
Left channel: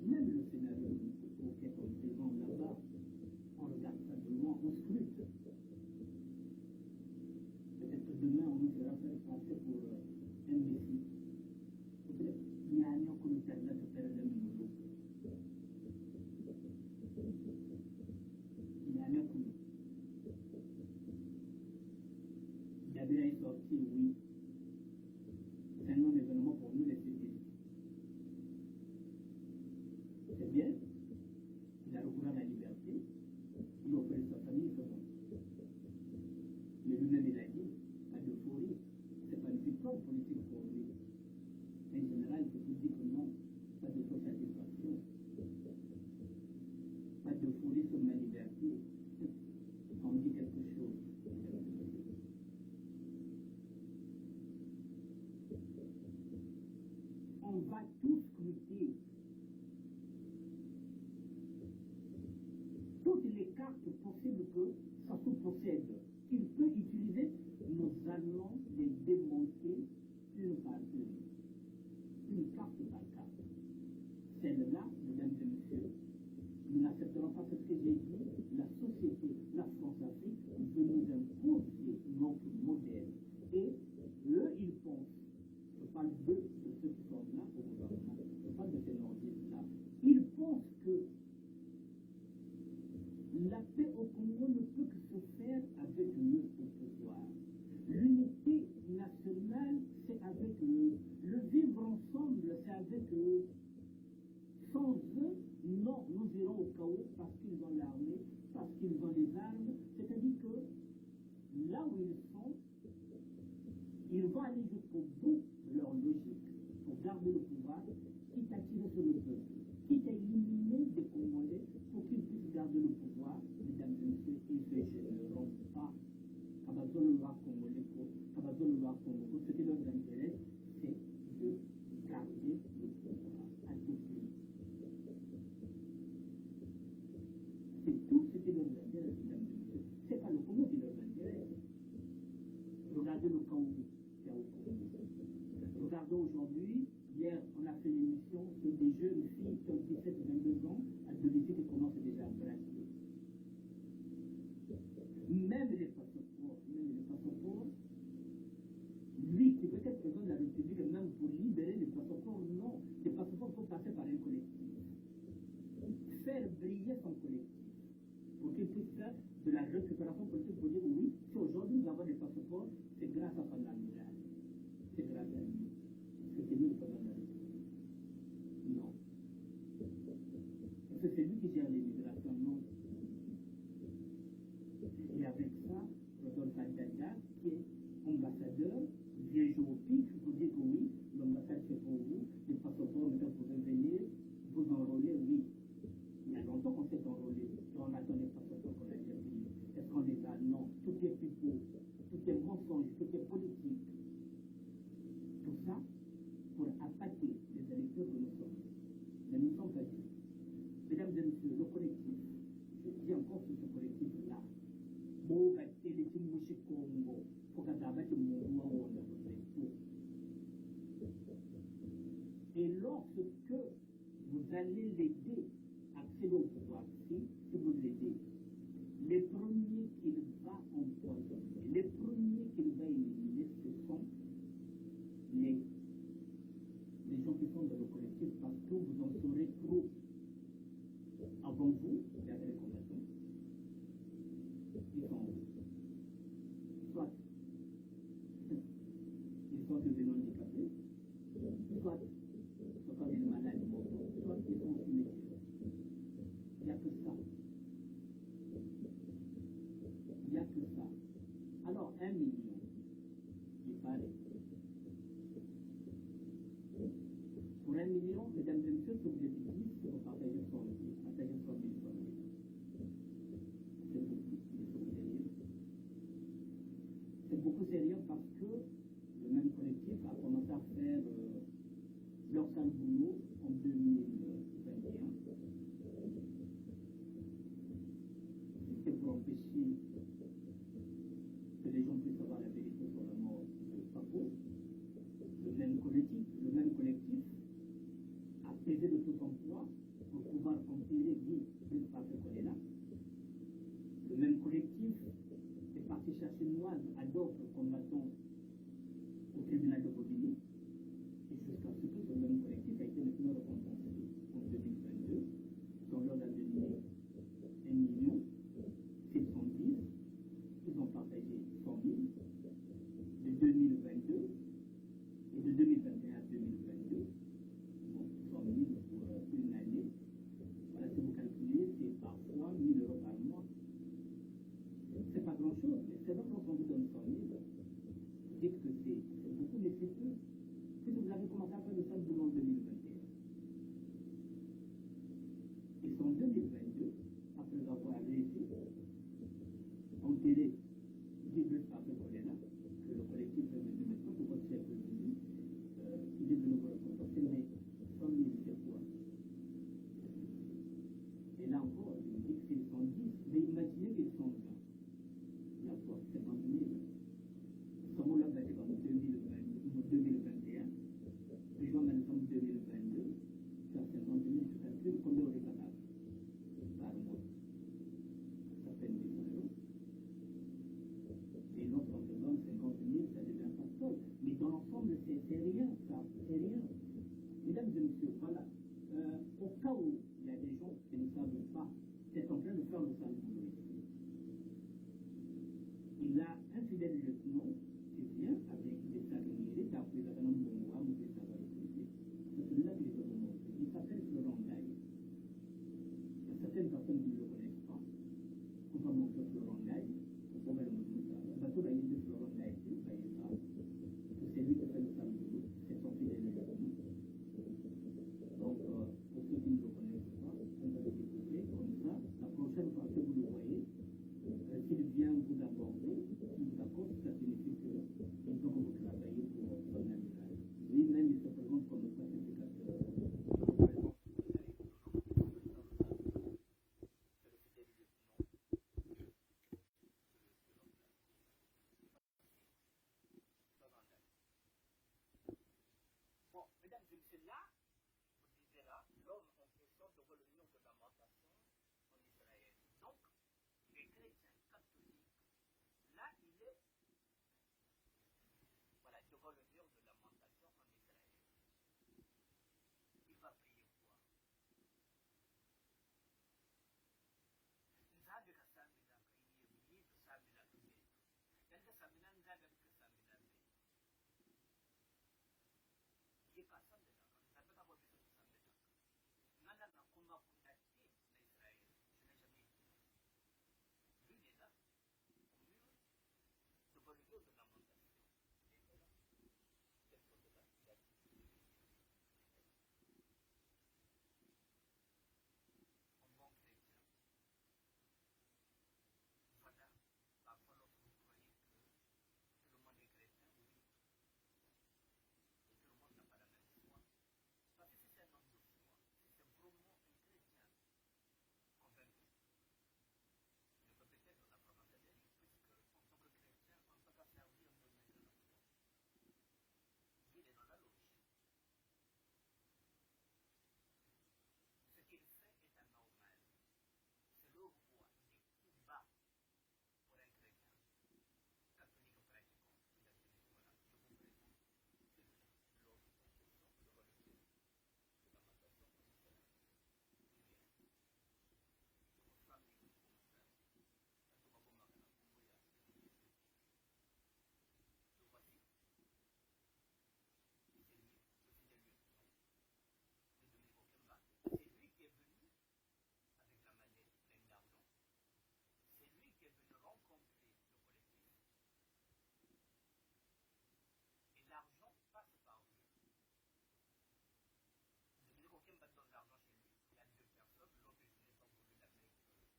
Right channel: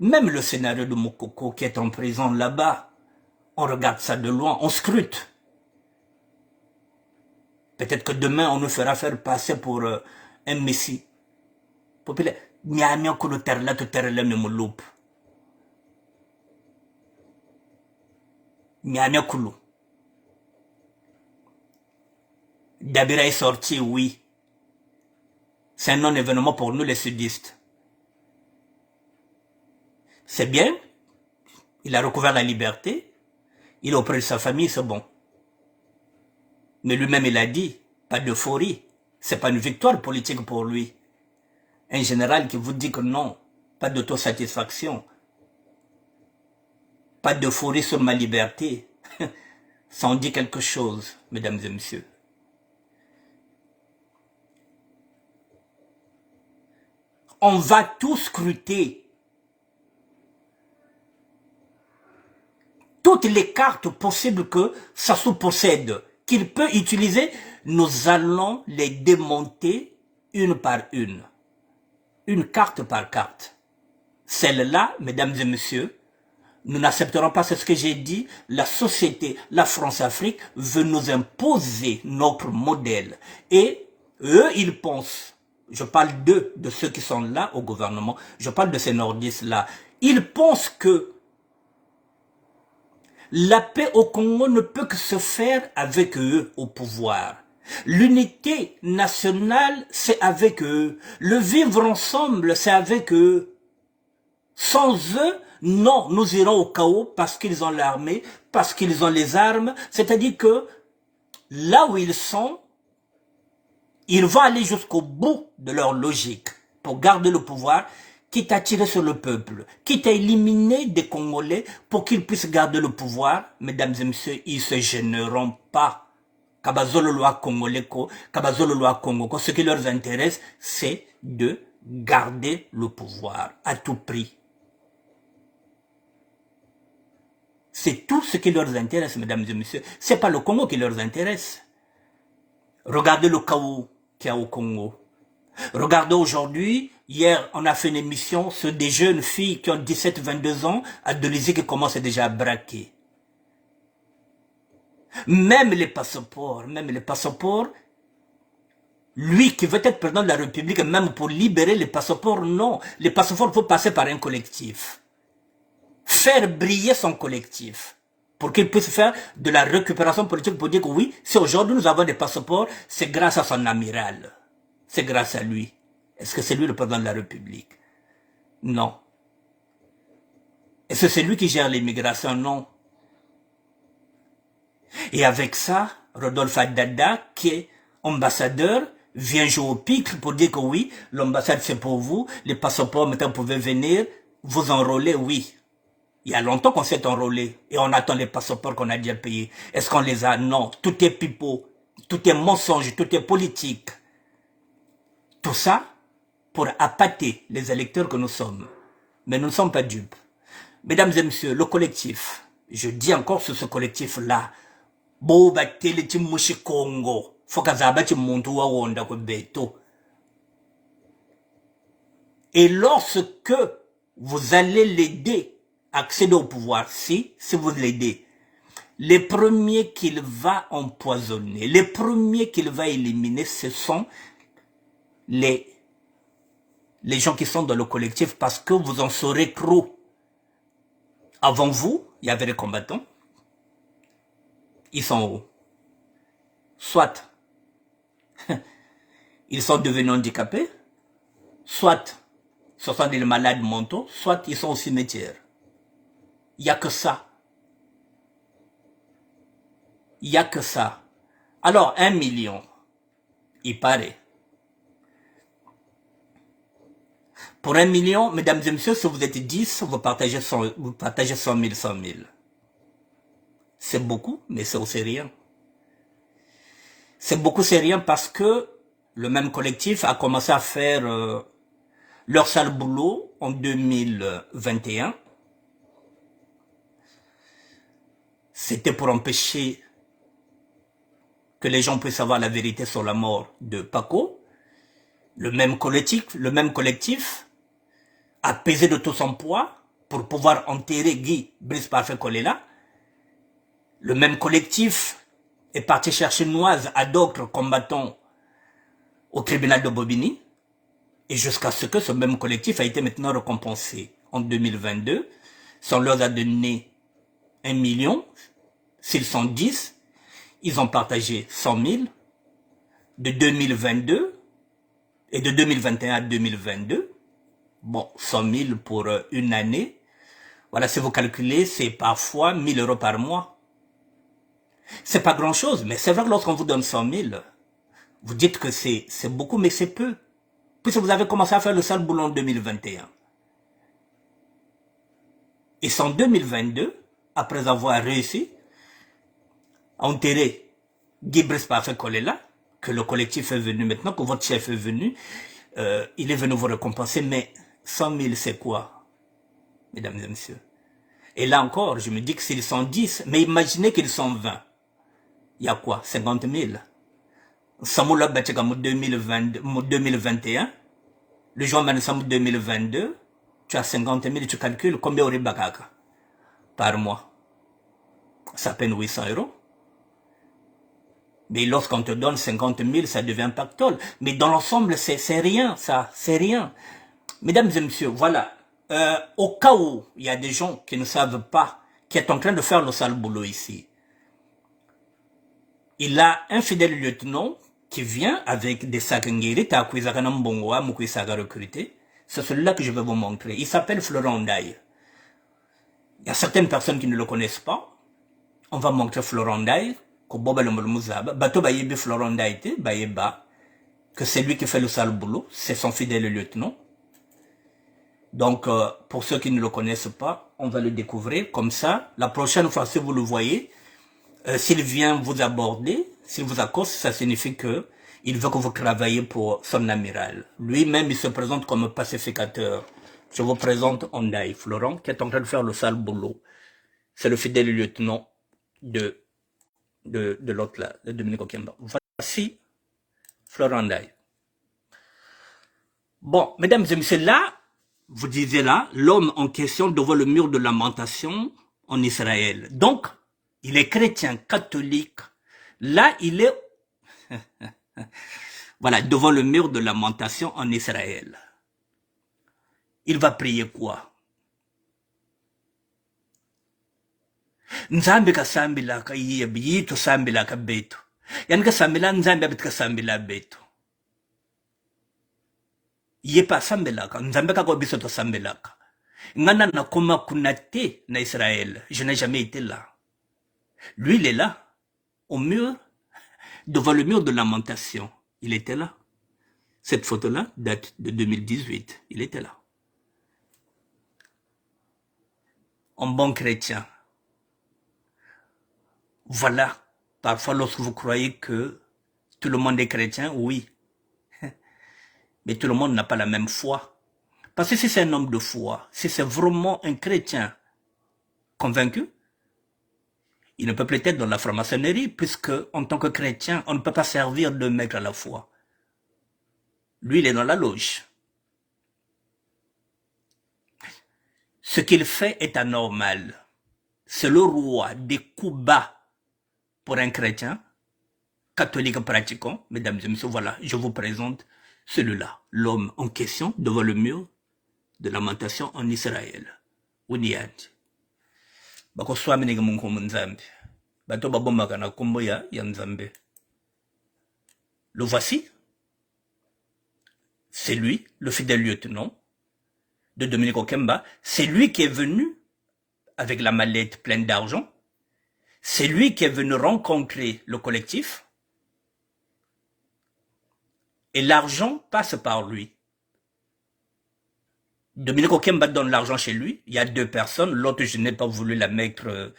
Même le scénario de Mokoko qui est en prison là-bas, on regarde ça de loin, on scrute. Peut-être que demain, on nous fera faire passer pour un messie. Populaire. Dabira est sorti, oui. C'est un non-événement pour nous les sudistes. C'est bien. Il a recouvert la liberté. Il est auprès de sa famille, c'est bon. Mais lui-même, il a dit, pas d'euphorie. C'est pas une victoire politique pour lui. Un général qui vous dit que non, pas d'autosatisfaction. Pas d'euphorie sur ma liberté. Ça en dit quelque chose, mesdames et messieurs. On va tout scruter. Toutes les cartes possibles que Sassou possède, qu'il peut utiliser, nous allons les démonter une par une. Une carte par carte. Celle-là, mesdames et messieurs, nous n'accepterons pas, c'est ce que j'ai dit, la société, la France-Afrique veut nous imposer notre modèle. Et eux, ils pensent, je parle d'eux, de ceux qui sont là au gouvernement, je parle de ces nordistes-là, ils pensent que la paix au Congo ne peut que se faire avec eux au pouvoir. L'unité nationale, c'est avec eux. Le vivre ensemble, c'est avec eux. Sans eux, non, nous irons au chaos parce qu'ils ont l'armée, parce qu'ils ont les armes. C'est-à-dire que là où ils sont, ils vont aller jusqu'au bout de leur logique pour garder le pouvoir, quitte à tirer sur le peuple, quitte à éliminer des Congolais pour qu'ils puissent garder le pouvoir. Mesdames et messieurs, ils ne se gêneront pas. Kabazolo loi congolais, Kabazolo loi Congo. Ce qui leur intéresse, c'est de garder le pouvoir à tout prix. C'est tout ce qui leur intéresse, mesdames et messieurs. Ce n'est pas le Congo qui leur intéresse. Regardez le chaos qu'il y a au Congo. Regardez aujourd'hui, hier, on a fait une émission sur des jeunes filles qui ont 17-22 ans, adolescentes qui commencent déjà à braquer. Même les passeports, lui qui veut être président de la République, même pour libérer les passeports, non. Les passeports, il faut passer par un collectif. Faire briller son collectif pour qu'il puisse faire de la récupération politique pour dire que oui, si aujourd'hui nous avons des passeports, c'est grâce à son amiral. C'est grâce à lui. Est-ce que c'est lui le président de la République? Non. Est-ce que c'est lui qui gère l'immigration? Non. Et avec ça, Rodolphe Adada, qui est ambassadeur, vient jouer au pic pour dire que oui, l'ambassade c'est pour vous, les passeports maintenant vous pouvez venir, vous enrôler, oui. Il y a longtemps qu'on s'est enrôlé et on attend les passeports qu'on a déjà payés. Est-ce qu'on les a? Non. Tout est pipeau, tout est mensonge, tout est politique. Tout ça pour appâter les électeurs que nous sommes. Mais nous ne sommes pas dupes. Mesdames et messieurs, le collectif, je dis encore sur ce collectif-là, Boba Teletim Congo, Fokazabati Montua Wonda Beto. Et lorsque vous allez l'aider à accéder au pouvoir, si vous l'aidez, les premiers qu'il va empoisonner, les premiers qu'il va éliminer, ce sont les gens qui sont dans le collectif, parce que vous en saurez trop. Avant vous, il y avait les combattants. Ils sont où? Soit ils sont devenus handicapés, soit ce sont des malades mentaux, soit ils sont au cimetière. Il n'y a que ça. Il n'y a que ça. Alors, 1 million, il paraît. Pour 1 million, mesdames et messieurs, si vous êtes 10, vous partagez 100 000, 100 000. C'est beaucoup, mais c'est aussi rien. C'est beaucoup, c'est rien, parce que le même collectif a commencé à faire leur sale boulot en 2021. C'était pour empêcher que les gens puissent savoir la vérité sur la mort de Paco. Le même collectif a pesé de tout son poids pour pouvoir enterrer Guy Brice Parfait Kolela. Le même collectif est parti chercher Noise à d'autres combattants au tribunal de Bobigny. Et jusqu'à ce que ce même collectif a été maintenant récompensé. En 2022, si on leur a donné 1 million, s'ils sont 10, ils ont partagé 100 000 de 2022 et de 2021 à 2022. Bon, 100 000 pour une année. Voilà, si vous calculez, c'est parfois 1 000 euros par mois. C'est pas grand chose, mais c'est vrai que lorsqu'on vous donne 100 000, vous dites que c'est beaucoup, mais c'est peu. Puisque vous avez commencé à faire le sale boulot en 2021. Et c'est en 2022, après avoir réussi à enterrer Guy Brice Parfait Kolela, que le collectif est venu maintenant, que votre chef est venu, il est venu vous récompenser, mais 100 000 c'est quoi, mesdames et messieurs? Et là encore, je me dis que s'ils sont 10, mais imaginez qu'ils sont 20. Il y a quoi? 50 000. Samoula Batchakam 2021, le jour Mansam 2022, tu as 50 000, tu calcules combien aurait Bakaka par mois? Ça peine 800 euros. Mais lorsqu'on te donne 50 000, ça devient pactole. Mais dans l'ensemble, c'est rien, ça, c'est rien. Mesdames et messieurs, voilà. Au cas où il y a des gens qui ne savent pas, qui est en train de faire le sale boulot ici, il a un fidèle lieutenant qui vient avec des sacs nguiri, recruté. C'est celui-là que je vais vous montrer. Il s'appelle Florent Ndaye. Il y a certaines personnes qui ne le connaissent pas. On va montrer Florent Ndaye, que c'est lui qui fait le sale boulot, c'est son fidèle lieutenant. Donc, pour ceux qui ne le connaissent pas, on va le découvrir comme ça. La prochaine fois, si vous le voyez, s'il vient vous aborder, s'il vous accoste, ça signifie que il veut que vous travaillez pour son amiral. Lui-même, il se présente comme pacificateur. Je vous présente Ndaye Florent, qui est en train de faire le sale boulot. C'est le fidèle lieutenant de l'autre là, de Dominique Okemba. Voici Florent Ndaye. Bon, mesdames et messieurs, là, vous disiez là, l'homme en question devant le mur de lamentation en Israël. Donc, il est chrétien, catholique. Là, il est voilà, devant le mur de lamentation en Israël. Il va prier quoi? Nzambe kasambila ka yito sambila ka beto. Yan kasambila nzambe abit kasambila beto. Yepa sambila ka nzambe ka ko biso to sambila ka. Ngana na koma kunate na Israël. Je n'ai jamais été là. Lui, il est là, au mur, devant le mur de lamentation. Il était là. Cette photo-là date de 2018. Il était là. En bon chrétien. Voilà. Parfois, lorsque vous croyez que tout le monde est chrétien, oui. Mais tout le monde n'a pas la même foi. Parce que si c'est un homme de foi, si c'est vraiment un chrétien convaincu, Il ne peut plus être dans la franc-maçonnerie, puisque en tant que chrétien, on ne peut pas servir deux maîtres à la fois. Lui, il est dans la loge. Ce qu'il fait est anormal. C'est le roi des coups bas pour un chrétien, catholique pratiquant. Mesdames et messieurs, voilà, je vous présente celui-là, l'homme en question devant le mur de lamentation en Israël. Uniad. Bako swami nige mungu munzambi. Bato babomaka na kombo ya nzambe. Le voici. C'est lui, le fidèle lieutenant de Dominique Okemba. C'est lui qui est venu avec la mallette pleine d'argent. C'est lui qui est venu rencontrer le collectif. Et l'argent passe par lui. Dominique Okemba donne l'argent chez lui. Il y a deux personnes. L'autre, je n'ai pas voulu la mettre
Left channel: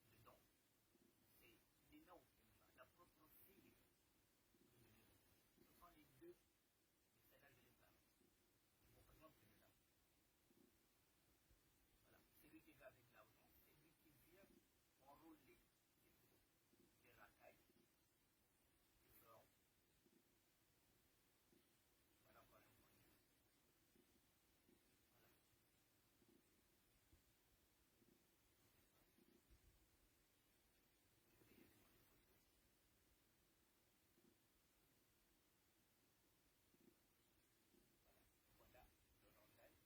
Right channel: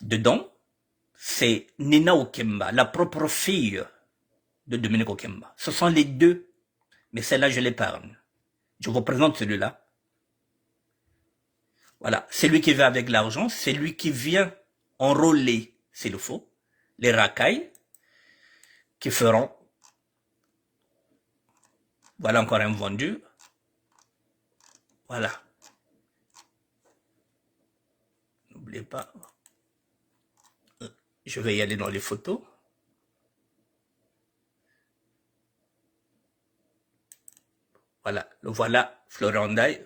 dedans. C'est Nina Okemba, la propre fille de Dominique Okemba. Ce sont les deux. Mais celle-là, je l'épargne. Je vous présente celui-là. Voilà. C'est lui qui vient avec l'argent. C'est lui qui vient enrôler, s'il le faut, les racailles qui feront. Voilà encore un vendu. Voilà. N'oubliez pas. Je vais y aller dans les photos. Voilà. Le voilà, Florent Ndaye,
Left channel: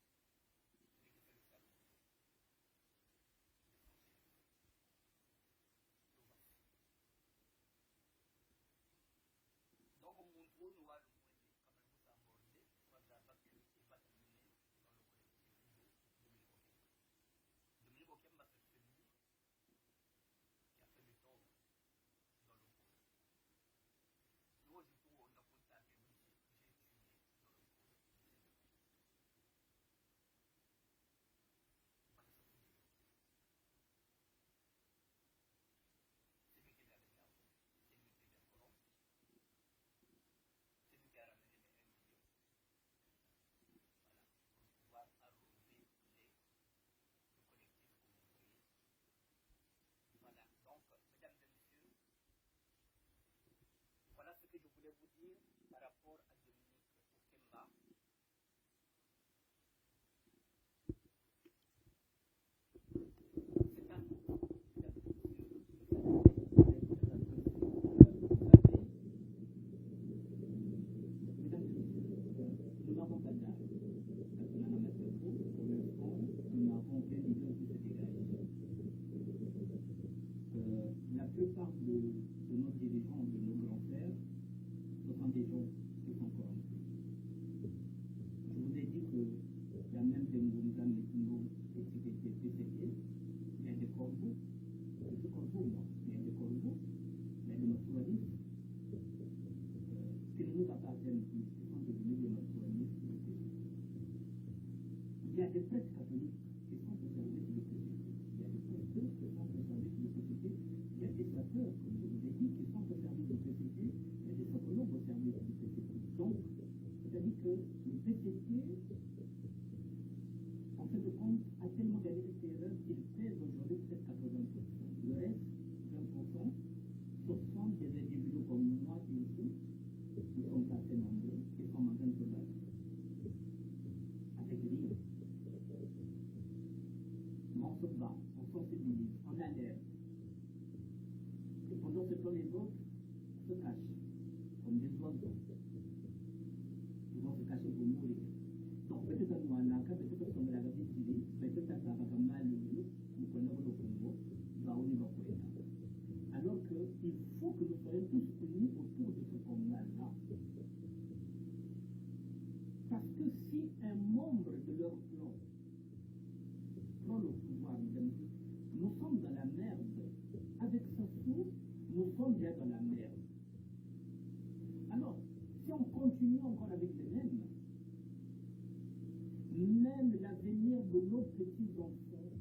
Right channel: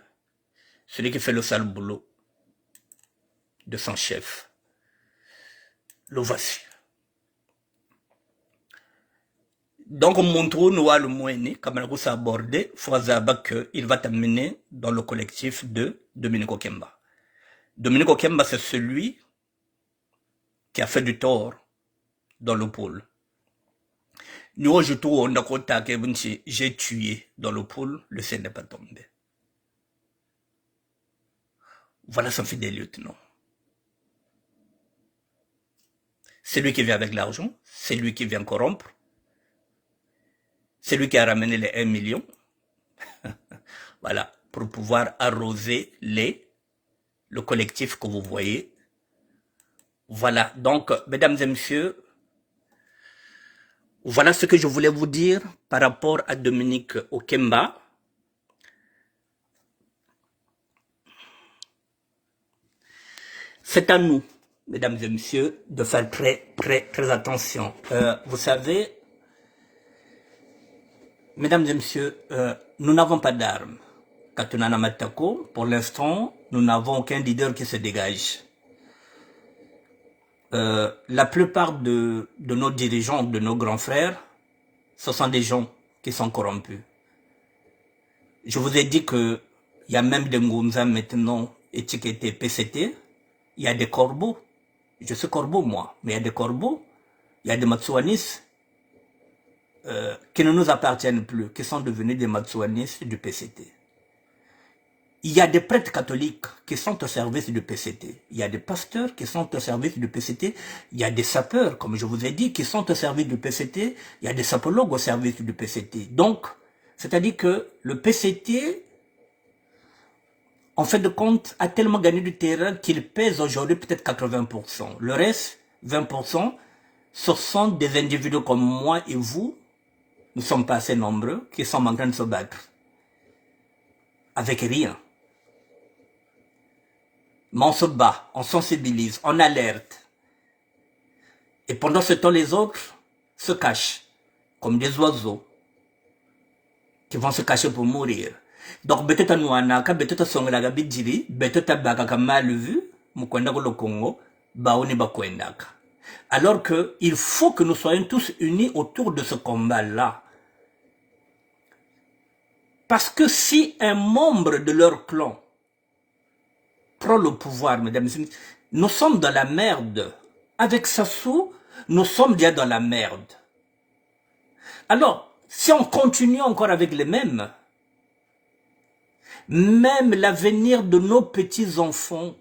celui qui fait le sale boulot de son chef. Le voici. Donc, montre nous le moyen, comme on a abordé, il va t'amener dans le collectif de Dominique Okemba. Dominique Okemba, c'est celui qui a fait du tort dans le pôle. Nous, j'ai tué dans le pôle, le ciel n'est pas tombé. Voilà son fidèle lieutenant. C'est lui qui vient avec l'argent, c'est lui qui vient corrompre, c'est lui qui a ramené les 1 million, voilà, pour pouvoir arroser le collectif que vous voyez. Voilà, donc, mesdames et messieurs, voilà ce que je voulais vous dire par rapport à Dominique Okemba. C'est à nous, mesdames et messieurs, de faire très attention. Vous savez, mesdames et messieurs, nous n'avons pas d'armes. Katunana Matako, pour l'instant, nous n'avons aucun leader qui se dégage. La plupart de nos dirigeants, de nos grands frères, ce sont des gens qui sont corrompus. Je vous ai dit qu'il y a même des Ngoumza maintenant étiquetés PCT. Il y a des corbeaux. Je suis corbeau, moi. Mais il y a des corbeaux. Il y a des Matsouanis qui ne nous appartiennent plus, qui sont devenus des Matsouanis du PCT. Il y a des prêtres catholiques qui sont au service du PCT. Il y a des pasteurs qui sont au service du PCT. Il y a des sapeurs, comme je vous ai dit, qui sont au service du PCT. Il y a des sapologues au service du PCT. Donc, c'est-à-dire que le PCT, en fait de compte, a tellement gagné du terrain qu'il pèse aujourd'hui peut-être 80%. Le reste, 20%, ce sont des individus comme moi et vous, nous ne sommes pas assez nombreux, qui sont en train de se battre. Avec rien. Mais on se bat, on sensibilise, on alerte. Et pendant ce temps, les autres se cachent, comme des oiseaux, qui vont se cacher pour mourir. Donc, peut-être nous anaka, peut-être songa bidjiri, peut-être baka mal vu, mukwenda le Congo, baoni bakwendaka. Alors que il faut que nous soyons tous unis autour de ce combat-là. Parce que si un membre de leur clan prend le pouvoir, mesdames et messieurs, nous sommes dans la merde. Avec Sassou, nous sommes déjà dans la merde. Alors, si on continue encore avec les mêmes, même l'avenir de nos petits-enfants,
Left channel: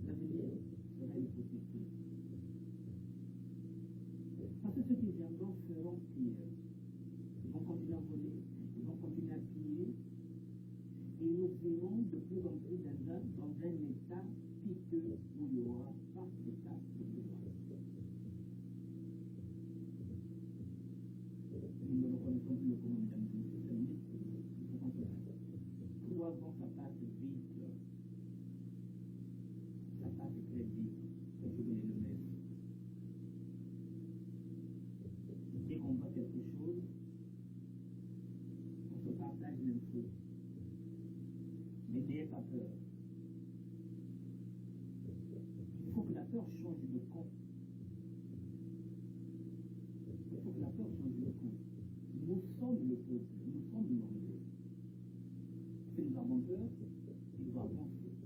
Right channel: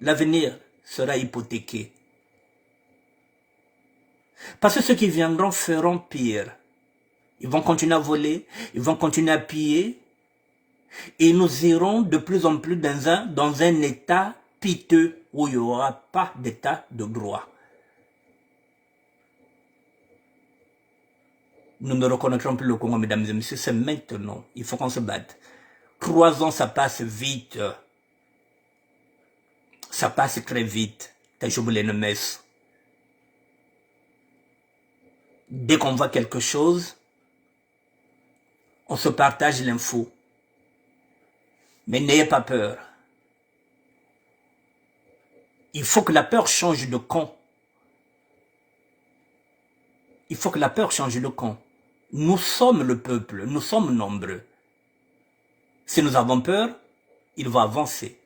l'avenir sera hypothéqué. Parce que ceux qui viendront feront pire. Ils vont continuer à voler, ils vont continuer à piller, et nous irons de plus en plus dans un état piteux où il n'y aura pas d'état de droit. Nous ne reconnaîtrons plus le Congo, mesdames et messieurs, c'est maintenant. Il faut qu'on se batte. 3 ans, ça passe vite. Ça passe très vite. Dès qu'on voit quelque chose, on se partage l'info. Mais n'ayez pas peur. Il faut que la peur change de camp. Il faut que la peur change de camp. Nous sommes le peuple, nous sommes nombreux. Si nous avons peur, il va avancer.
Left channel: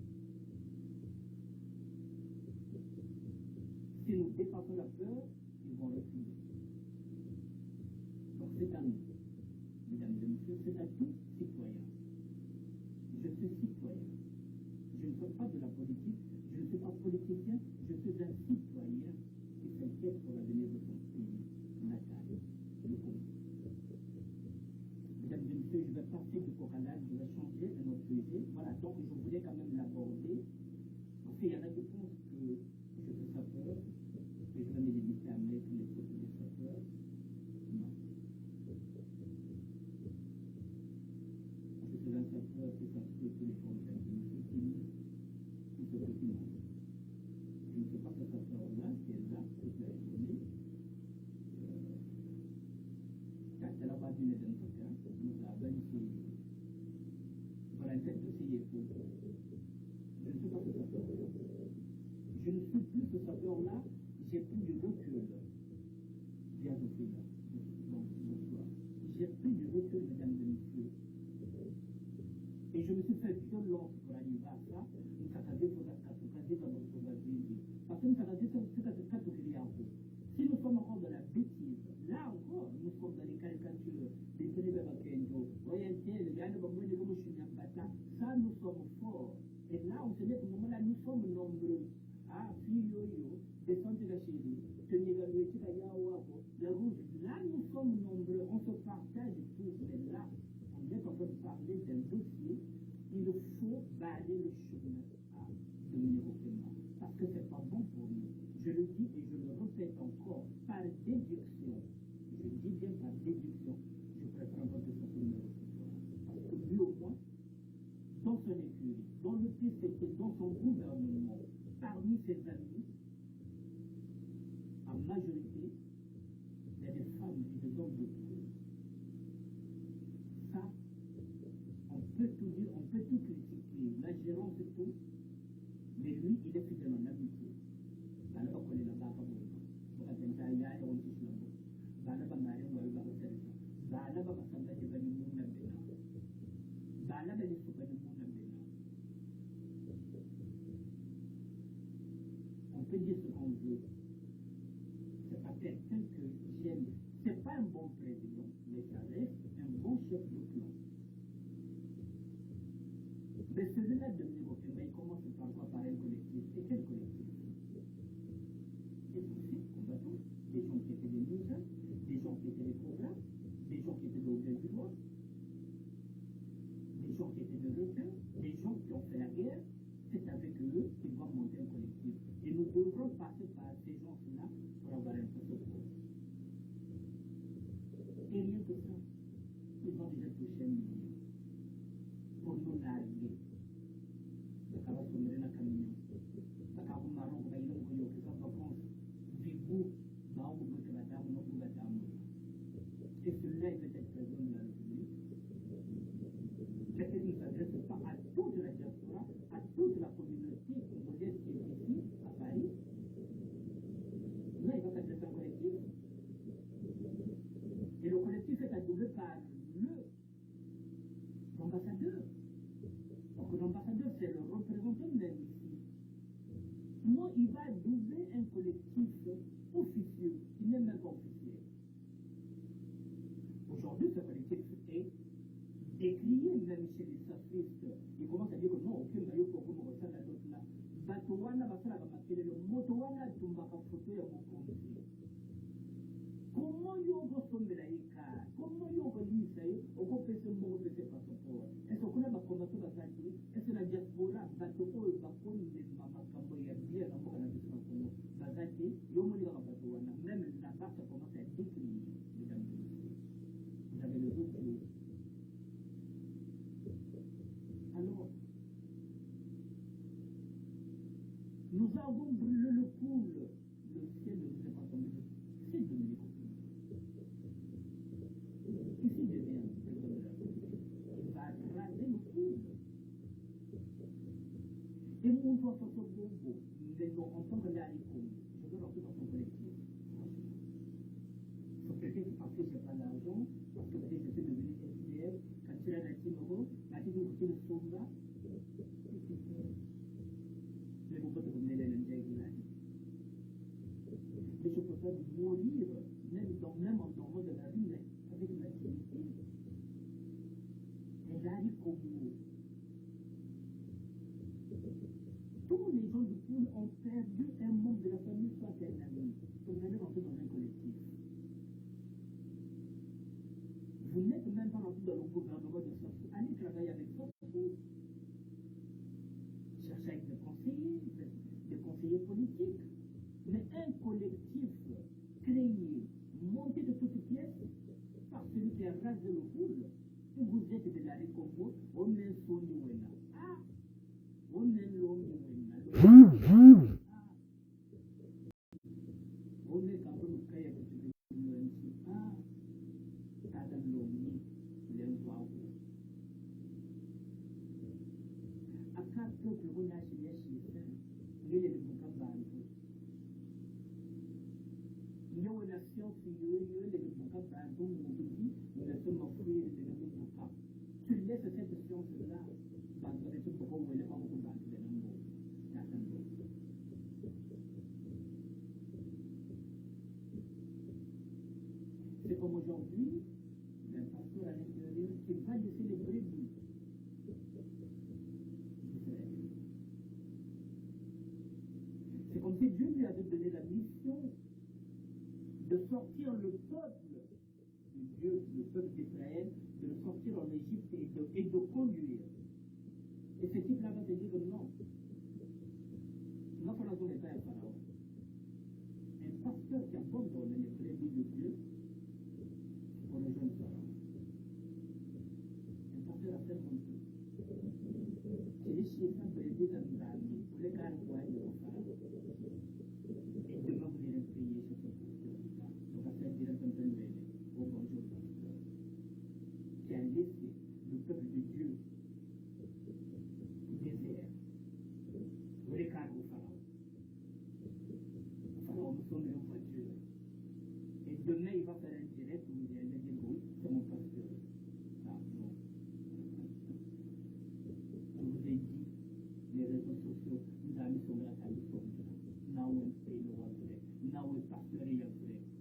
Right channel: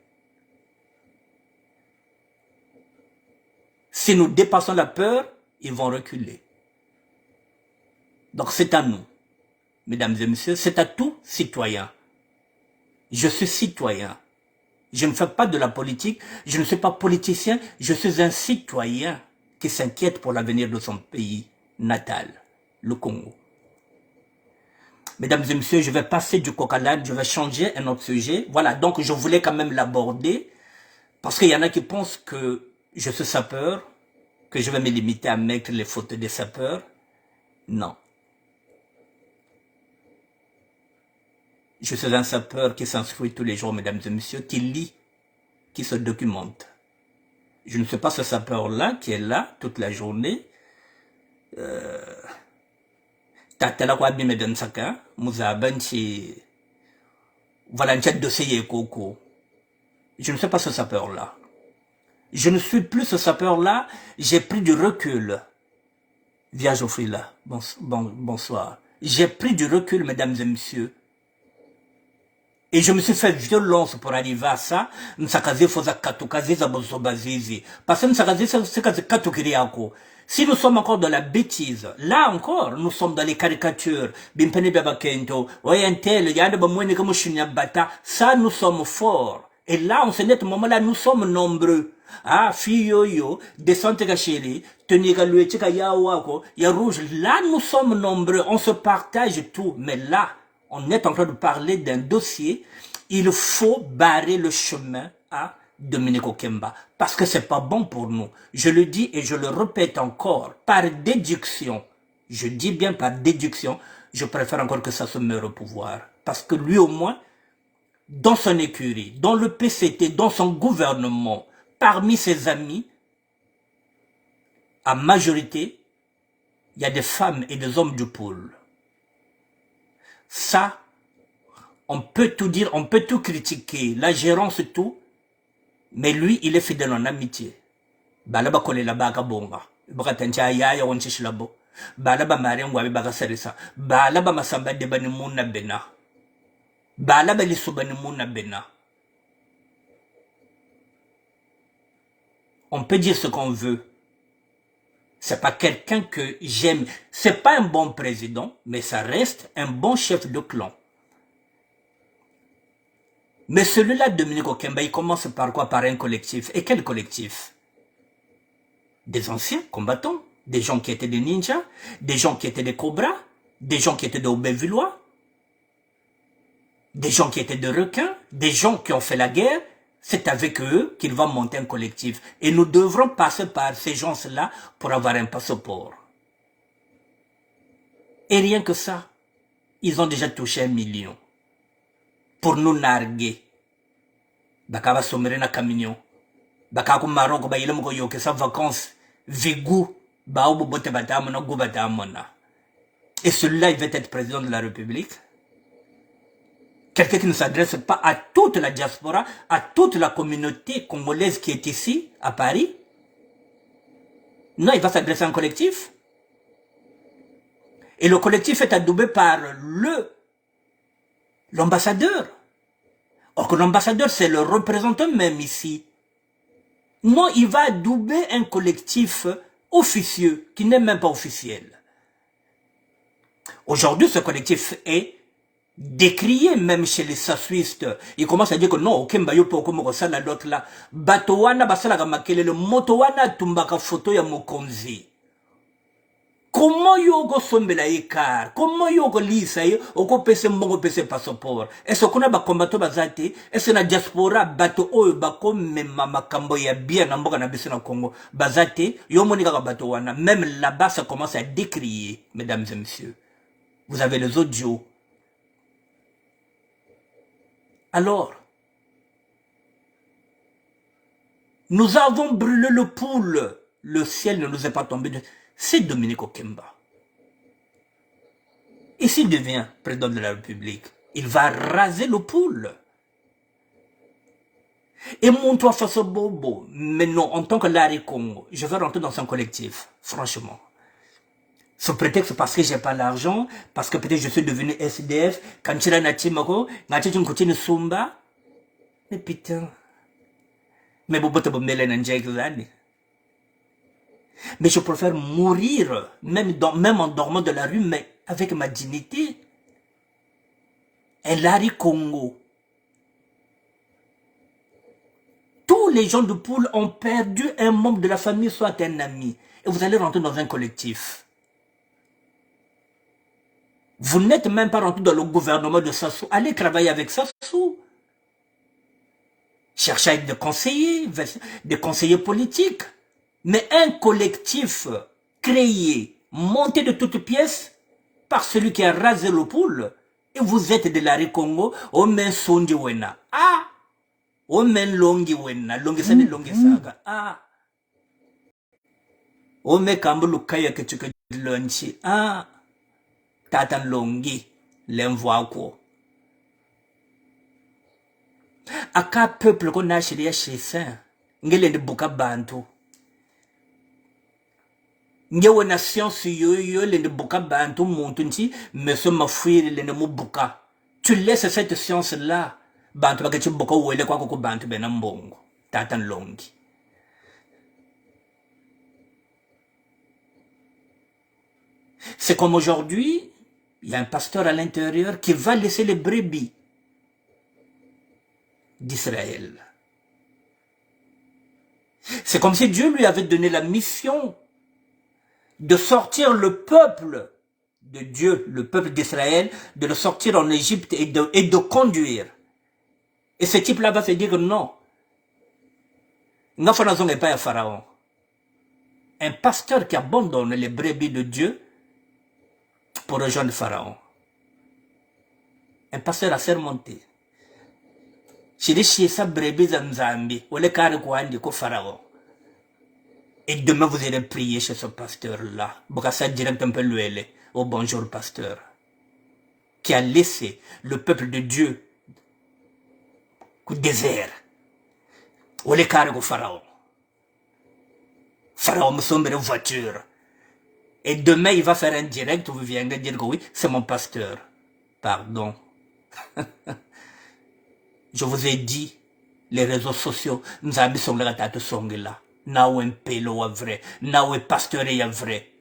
Si nous dépassons la peur, ils vont reculer. Donc c'est à nous, mesdames et messieurs, c'est à tout citoyen. Je suis citoyen. Je ne fais pas de la politique, je ne suis pas politicien, je suis un citoyen qui s'inquiète pour l'avenir de son pays natal, le Congo. Mesdames et messieurs, je vais passer du coq à l'âne, je vais changer un autre sujet. Voilà, donc je voulais quand même l'aborder, parce qu'il y en a qui pensent que je suis sapeur, que je vais me limiter à mettre les photos des sapeurs. Non. Je suis un sapeur qui s'instruit tous les jours, mesdames et messieurs, qui lit, qui se documente. Je ne suis pas ce sapeur-là qui est là toute la journée. Voilà un dossier coco. Je ne suis pas ce sapeur-là. Je ne suis plus ce sapeur-là. J'ai pris du recul. Via Geoffrey là. Bonsoir. J'ai pris du recul, mesdames et messieurs. Et je me suis fait violence pour arriver à ça. Parce que si nous sommes encore dans la bêtise, là encore, nous sommes dans les caricatures. Ça, nous sommes forts. Et là, en ce net moment-là, nous sommes nombreux. Ah, fiyoyo, descente gacheli, teniga luetika ya wako, ya rouge. Là, nous sommes nombreux. On se partage tout. Mais là, on est en train de parler d'un dossier. Il faut barrer le chemin à Dominique Okemba. Parce que c'est pas bon pour nous. Je le dis et je le répète encore. Par déduction, je dis bien par déduction, je préfère encore que ça se meure au pouvoir. Parce que lui au moins, dans son écurie, dans le PCT, dans son gouvernement, parmi ses amis, en majorité, il y a des femmes et des hommes du pôle. Ça, on peut tout dire, on peut tout critiquer, la gérance tout, mais lui, il est fidèle en amitié. Balaba kole la baka bonga, baka tancha ya on chishilabo. Balaba mariangwa baka serisa. Balaba masamba de bani muna bena. Balaba lisubani muna bena. On peut dire ce qu'on veut. C'est pas quelqu'un que j'aime. C'est pas un bon président, mais ça reste un bon chef de clan. Mais celui-là, Dominique Okemba, il commence par quoi? Par un collectif. Et quel collectif? Des anciens combattants, des gens qui étaient des ninjas, des gens qui étaient des cobras, des gens qui étaient des Aubervillois, des gens qui étaient des requins, des gens qui ont fait la guerre. C'est avec eux qu'il va monter un collectif. Et nous devrons passer par ces gens-là pour avoir un passeport. Et rien que ça, ils ont déjà touché 1 million. Pour nous narguer. Baka va sommer na camion. Baka ko Maroc ba ilem ko yoke sa vacances. Vigou ba obo bote batamona go batamona. Et celui-là, il va être président de la République. Quelqu'un qui ne s'adresse pas à toute la diaspora, à toute la communauté congolaise qui est ici, à Paris. Non, il va s'adresser à un collectif. Et le collectif est adoubé par l'ambassadeur. Or que l'ambassadeur, c'est le représentant même ici. Non, il va adouber un collectif officieux, qui n'est même pas officiel. Aujourd'hui, ce collectif est décrié même chez les sassuistes. Ils commencent à dire que non, Okemba yo po comme ça la l'autre là. Batowana basala ga makele le motowana tumbaka photo ya mokonzi. Comment yogo sombela ikar? Comment yogo lisa yo? Oko pese mbongo pese passeport. Est-ce qu'on a ba combatto bazate? Est-ce na diaspora bato oyo bako mema makambo ya bien na mboka na biso na Congo? Bazate, yo monika ka bato wana. Même là-bas, ça commence à décrier, mesdames et messieurs. Vous avez les audios. Alors, nous avons brûlé le poule. Le ciel ne nous est pas tombé. C'est Dominique Okemba. Et s'il devient président de la République, il va raser le poule. Et mon toit face au bobo. Mais non, en tant que Larry Congo, je vais rentrer dans un collectif, franchement. Sous prétexte parce que j'ai pas l'argent, parce que peut-être je suis devenu SDF, quand tu l'as natimako, quand tu continues Sumba. Mais putain. Mais bobo te bomele n'anjek. Mais je préfère mourir, même en dormant de la rue, mais avec ma dignité. Un Larry Congo. Tous les gens de Poule ont perdu un membre de la famille, soit un ami. Et vous allez rentrer dans un collectif. Vous n'êtes même pas rentré dans le gouvernement de Sassou. Allez travailler avec Sassou. Cherchez à être des conseillers politiques. Mais un collectif créé, monté de toutes pièces, par celui qui a rasé le poule, et vous êtes de Larry Congo, on met Sondi Wena. Ah! On met Longi Wena, Longi Sani Longi Saga. Ah! On met Kambulu Kaya que tu que lunchi. Ah! Tatan Longi, l'envoi quoi. Aka peuple qu'on a chez Saint, ngele de Buka Bantu. Ngewe na science yo le buka bantu montunti mais ce ma fuir le ne buka. Tu laisses cette science là bantu ba ke buka wele kwa ko bantu bena mbongo tatan longi. C'est comme aujourd'hui, il y a un pasteur à l'intérieur qui va laisser les brebis d'Israël. C'est comme si Dieu lui avait donné la mission de sortir le peuple de Dieu, le peuple d'Israël, de le sortir en Égypte et de conduire. Et ce type-là va se dire non. N'affanazon n'est pas un pharaon. Un pasteur qui abandonne les brebis de Dieu pour rejoindre Pharaon. Un pasteur assermenté. Je dis chez sa brebis en Zambie, ou le carré quoi ko Pharaon. Et demain, vous allez prier chez ce pasteur-là. Bokassa direct un peu l'ouele. Oh bonjour, pasteur. Qui a laissé le peuple de Dieu au désert. Ou les carrés au Pharaon. Pharaon me sombre une voiture. Et demain, il va faire un direct où vous viendrez dire que oui, c'est mon pasteur. Pardon. Je vous ai dit, les réseaux sociaux, nous avons mis sur la tête de son là. Nawe mpelo wa vrai, nawe pasteur ya vrai.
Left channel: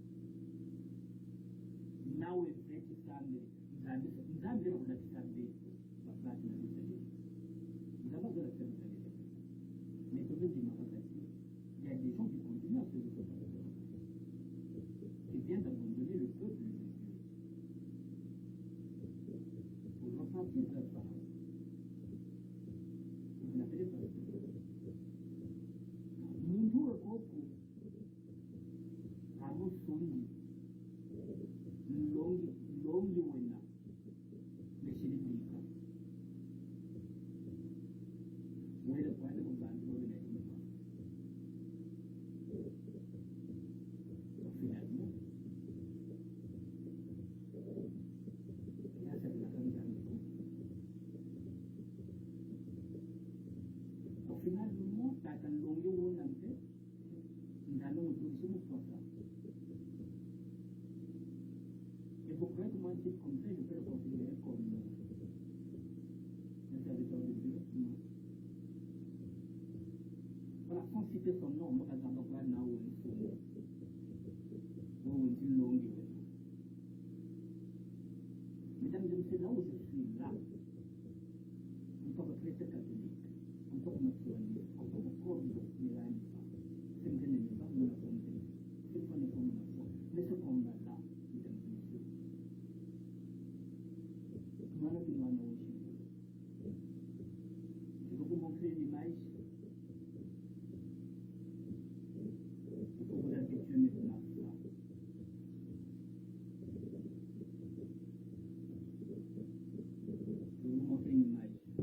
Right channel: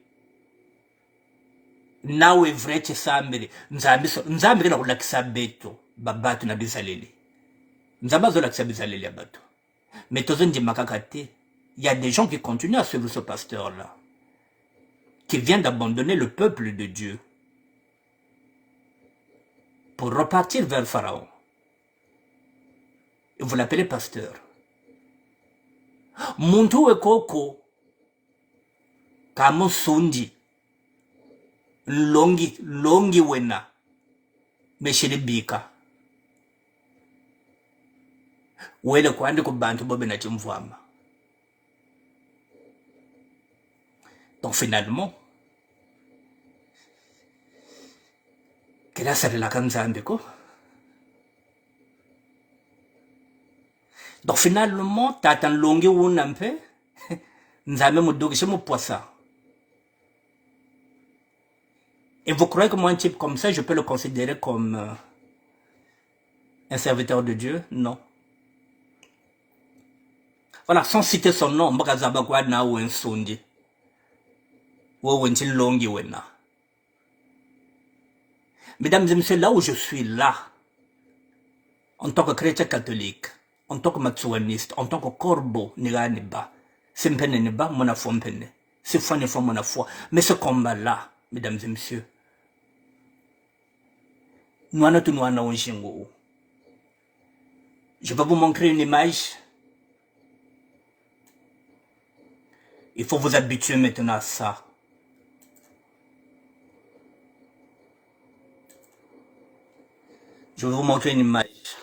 Nawe vrai chesambere, nzambe na kulakisa beto, babatu na bizaleli. Nzamba zo lakisa bizaleli ya bato. Mais tozo makakate, il y a des gens qui continuent à suivre ce pasteur là, qui vient d'abandonner le peuple de Dieu pour repartir vers Pharaon. Et vous l'appelez pasteur. Muntu we koko kamo sundi longi wena meshiri bika wele kwandi ku bantu bobe na chimvama. Donc finalement kila sare la kanzambe ko. Donc finalement, t'attends longue ou un peu, nous avons mon dos, mon poisson. Et vous croyez que moi, un type comme ça, je peux le considérer comme un serviteur de Dieu? Non. Voilà, sans citer son nom, Mbakazabakwa na ou un sondi. Ou un tin longi wena. Mesdames et messieurs, là où je suis là, en tant que chrétien catholique, en tant que matsuaniste, en tant que corbeau, c'est C'est foi ne foi mon foi. Mais ce combat-là, mesdames et messieurs, nous en avons je vais vous montrer une image. Il faut vous habituer maintenant à ça. Je vais vous montrer une image.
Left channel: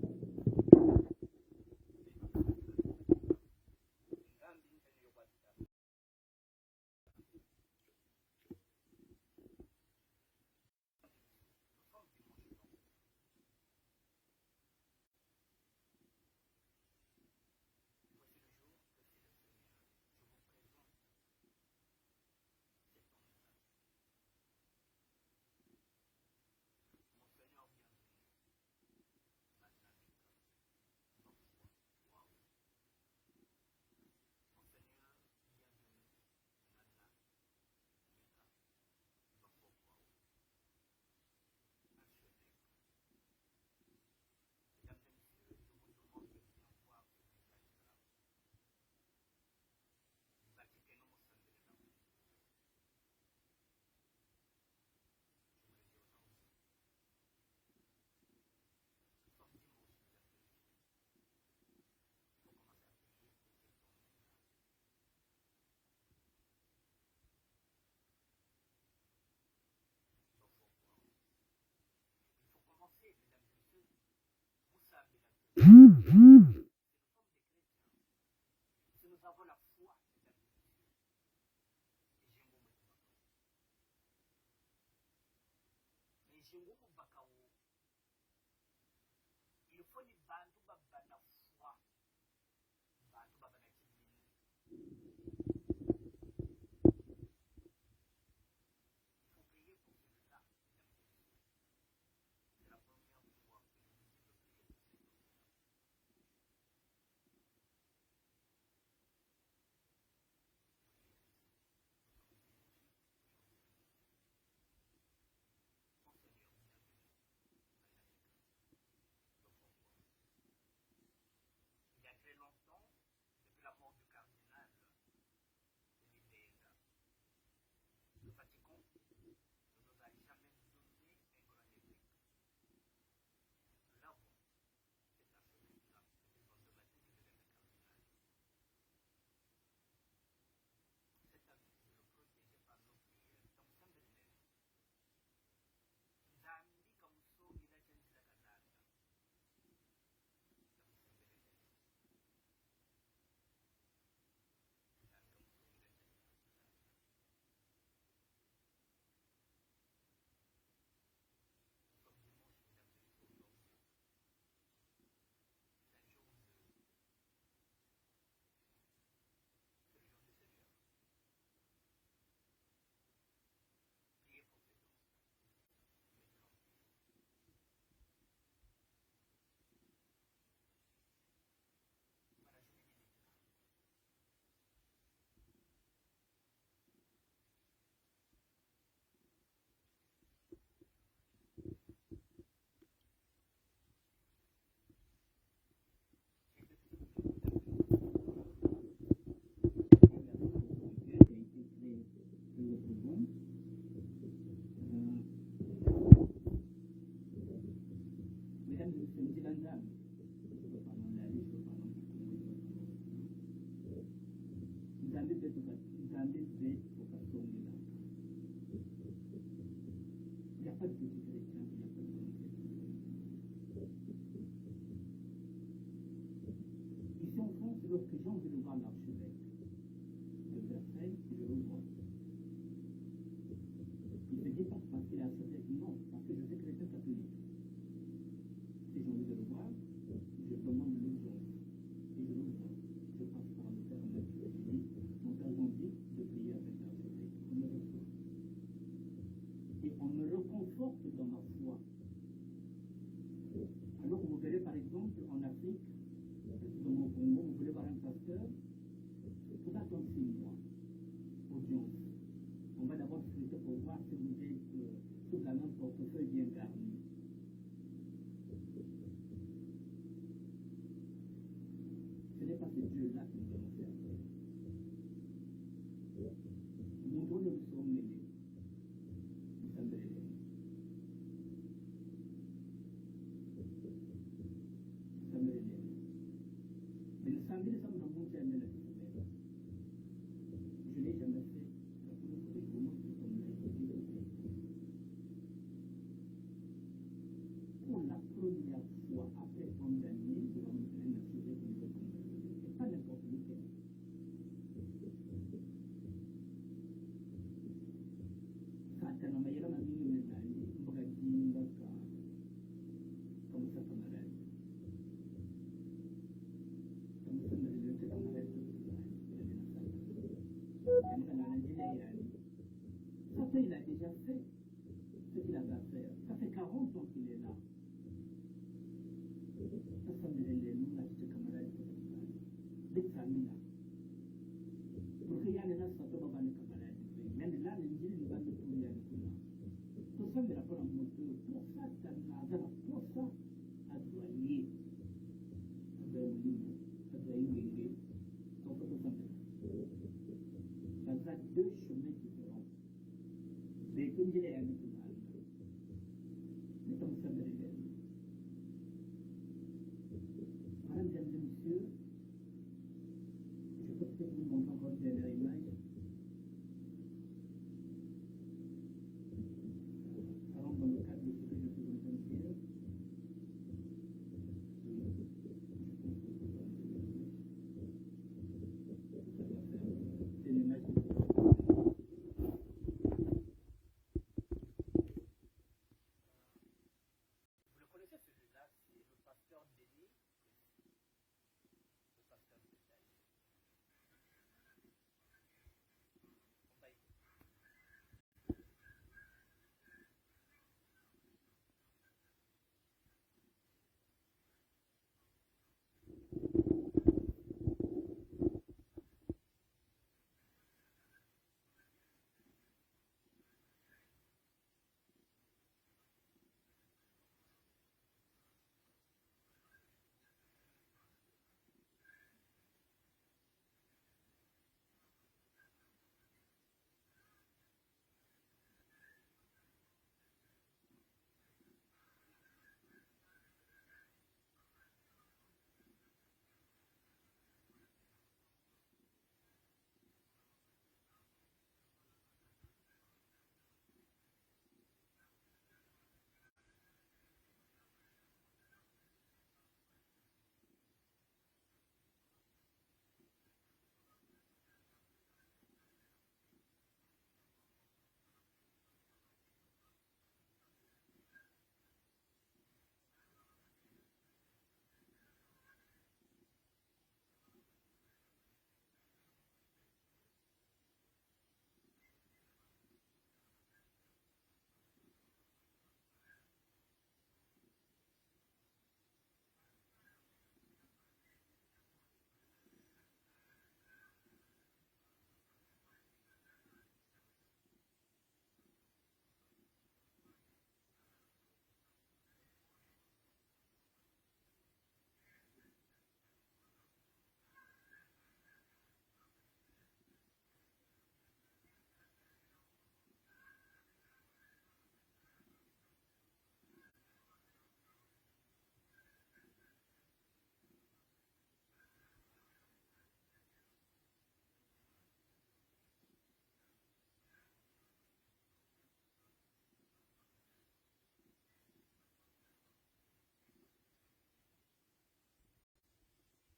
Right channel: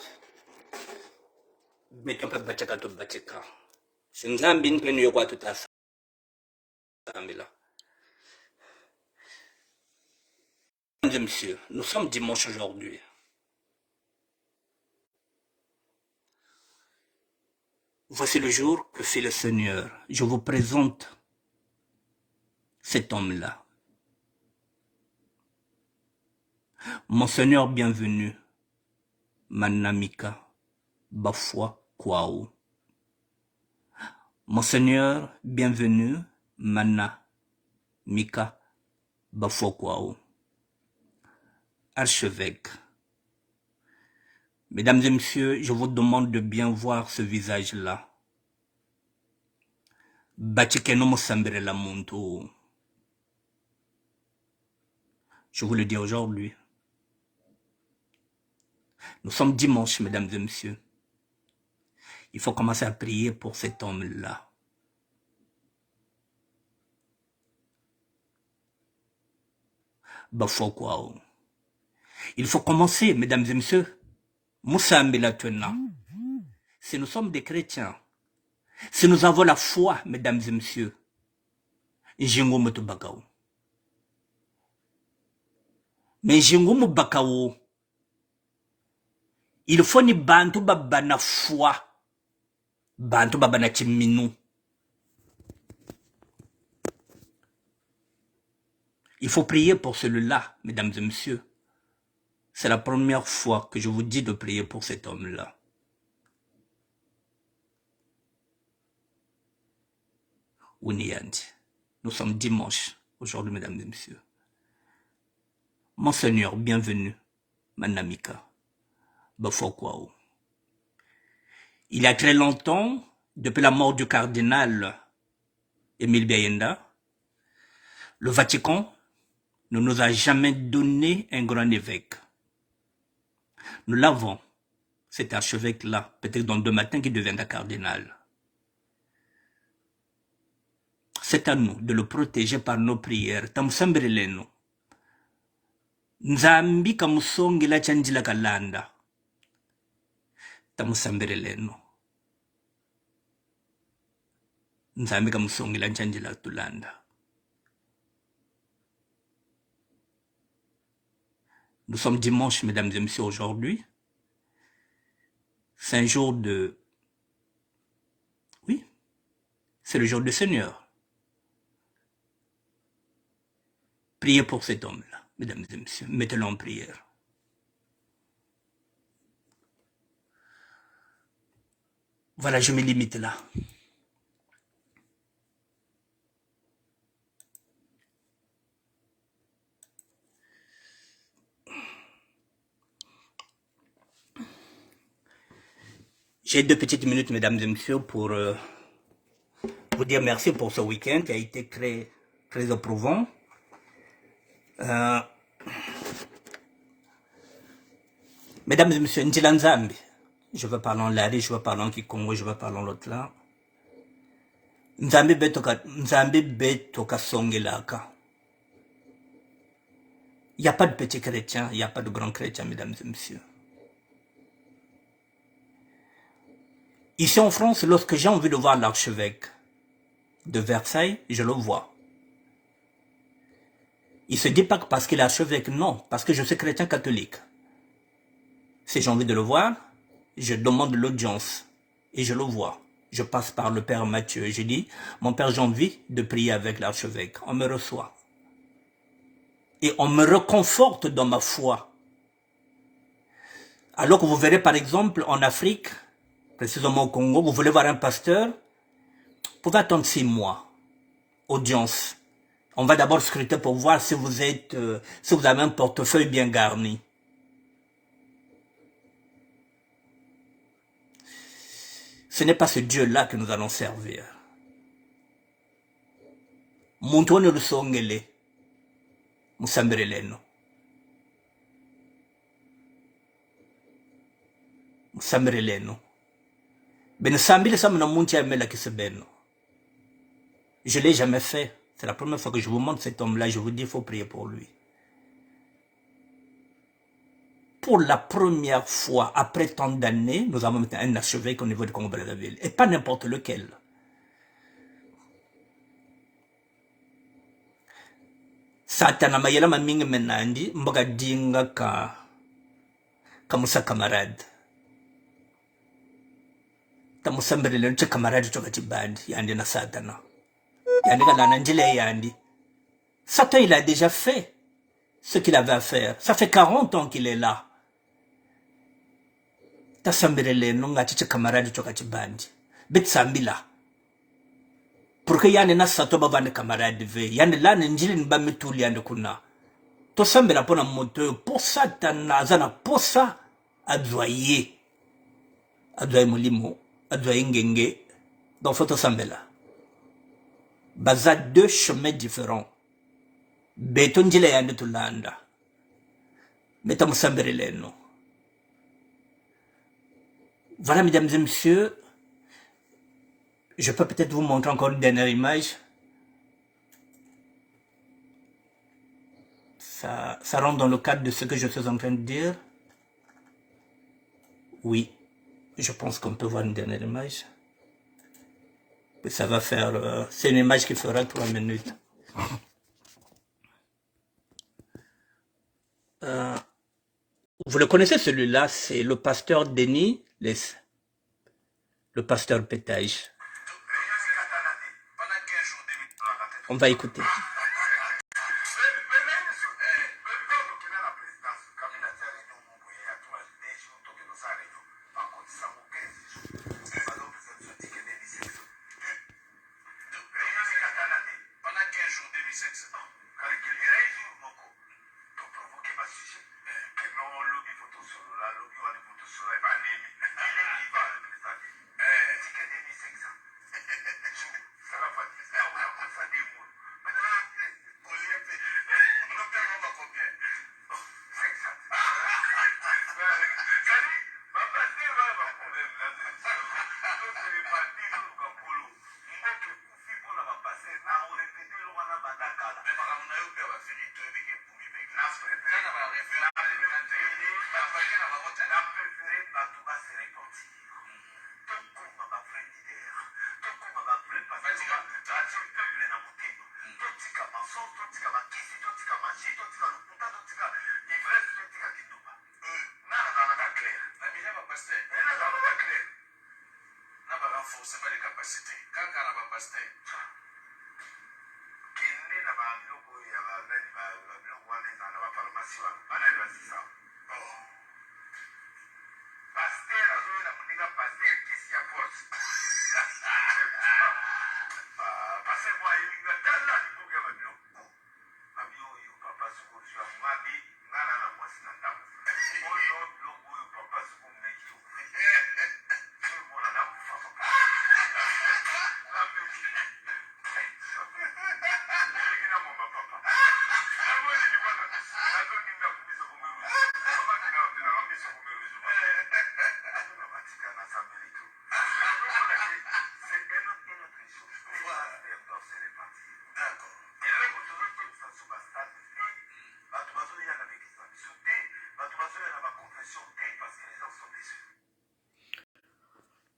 Mesdames et messieurs, nous sommes dimanche aujourd'hui. Voici le jour que fait le Seigneur. Je vous présente cet homme-là. Mon Seigneur bienvenu, Manamika Bafwa Kwao. Mon Seigneur bienvenu, Manamika Bafwa Kwao. Archevêque. Mesdames et messieurs, je vous demande de bien voir ce visage-là. Je vous le dis aujourd'hui. Nous sommes dimanche, mesdames et messieurs. Il faut commencer à prier pour cet homme-là. Il faut commencer, mesdames et messieurs. Si nous sommes des chrétiens, si nous avons la foi, mesdames et messieurs, mais il faut ni bantu babana foi, bantu babana chiminu. Il faut prier pour celui-là, mesdames et messieurs. C'est la première fois que je vous dis de prier pour cet homme-là. Nous sommes dimanche aujourd'hui, mesdames et messieurs. Mon Seigneur, bienvenue, Manamika Bafokwao. Il y a très longtemps, depuis la mort du cardinal Émile Biayenda, le Vatican ne nous a jamais donné un grand évêque. Nous l'avons, cet archevêque-là, peut-être dans 2 matins qui deviendra cardinal. C'est à nous de le protéger par nos prières. Tamsambireleno. Nzambi kamusongi la chanjila kalanda. Tamsambireleno. Nzambi kamusongi la chanjila tulanda. Nous sommes dimanche, mesdames et messieurs, aujourd'hui. C'est un jour de... Oui, c'est le jour du Seigneur. Priez pour cet homme-là, mesdames et messieurs. Mettez-le en prière. Voilà, je me limite là. J'ai 2 petites minutes, mesdames et messieurs, pour vous dire merci pour ce week-end qui a été très, très éprouvant. Mesdames et messieurs, Njilanzambi, je vais parler en Lari, je vais parler en Kikongo, je vais parler en l'autre là. Nzambi betoka songelaka. Il n'y a pas de petits chrétiens, il n'y a pas de grands chrétiens, mesdames et messieurs. Ici en France, lorsque j'ai envie de voir l'archevêque de Versailles, je le vois. Il ne se dit pas que parce qu'il est archevêque, non, parce que je suis chrétien catholique. Si j'ai envie de le voir, je demande l'audience et je le vois. Je passe par le Père Mathieu et je dis, mon Père, j'ai envie de prier avec l'archevêque. On me reçoit. Et on me reconforte dans ma foi. Alors que vous verrez par exemple en Afrique, précisément au Congo, vous voulez voir un pasteur, vous pouvez attendre 6 mois. Audience. On va d'abord scruter pour voir si vous avez un portefeuille bien garni. Ce n'est pas ce Dieu-là que nous allons servir. muntu one lusongele musambire leno musambire leno ben sambile ça mna muntu amela kisebeno. Je l'ai jamais fait. C'est la première fois que je vous montre cet homme-là. Je vous dis, il faut prier pour lui. Pour la première fois, après tant d'années, nous avons un archevêque au niveau du Congo-Brazzaville. Et pas n'importe lequel. Satana mayela mamingi menandi, mboga dinga ka musa camarade. Ta musambele le camarade toka tibandi, yandi na satana. Satan, il a déjà fait ce qu'il avait à faire. Ça fait 40 ans qu'il est là. Tasambirele nunga chiche camarade chokati bandi. Bet sambila. Pour que yane na sato bavande camarade ve. Yane la njili nba mituli yande kuna. To sambila pona moto. Pour ça, tanazana. Pour ça, advoyer. Advoyer molimo. Advoyer ngenge. Donc, faut to sambila. Baza deux chemins différents. Beton jile yande tulanda. Meta musambere leno. Voilà, mesdames et messieurs. Je peux peut-être vous montrer encore une dernière image. Ça rentre dans le cadre de ce que je suis en train de dire. Oui, je pense qu'on peut voir une dernière image. Ça va faire... c'est une image qui fera 3 minutes. Vous le connaissez celui-là, c'est le pasteur Denis, le pasteur Pétage. On va écouter.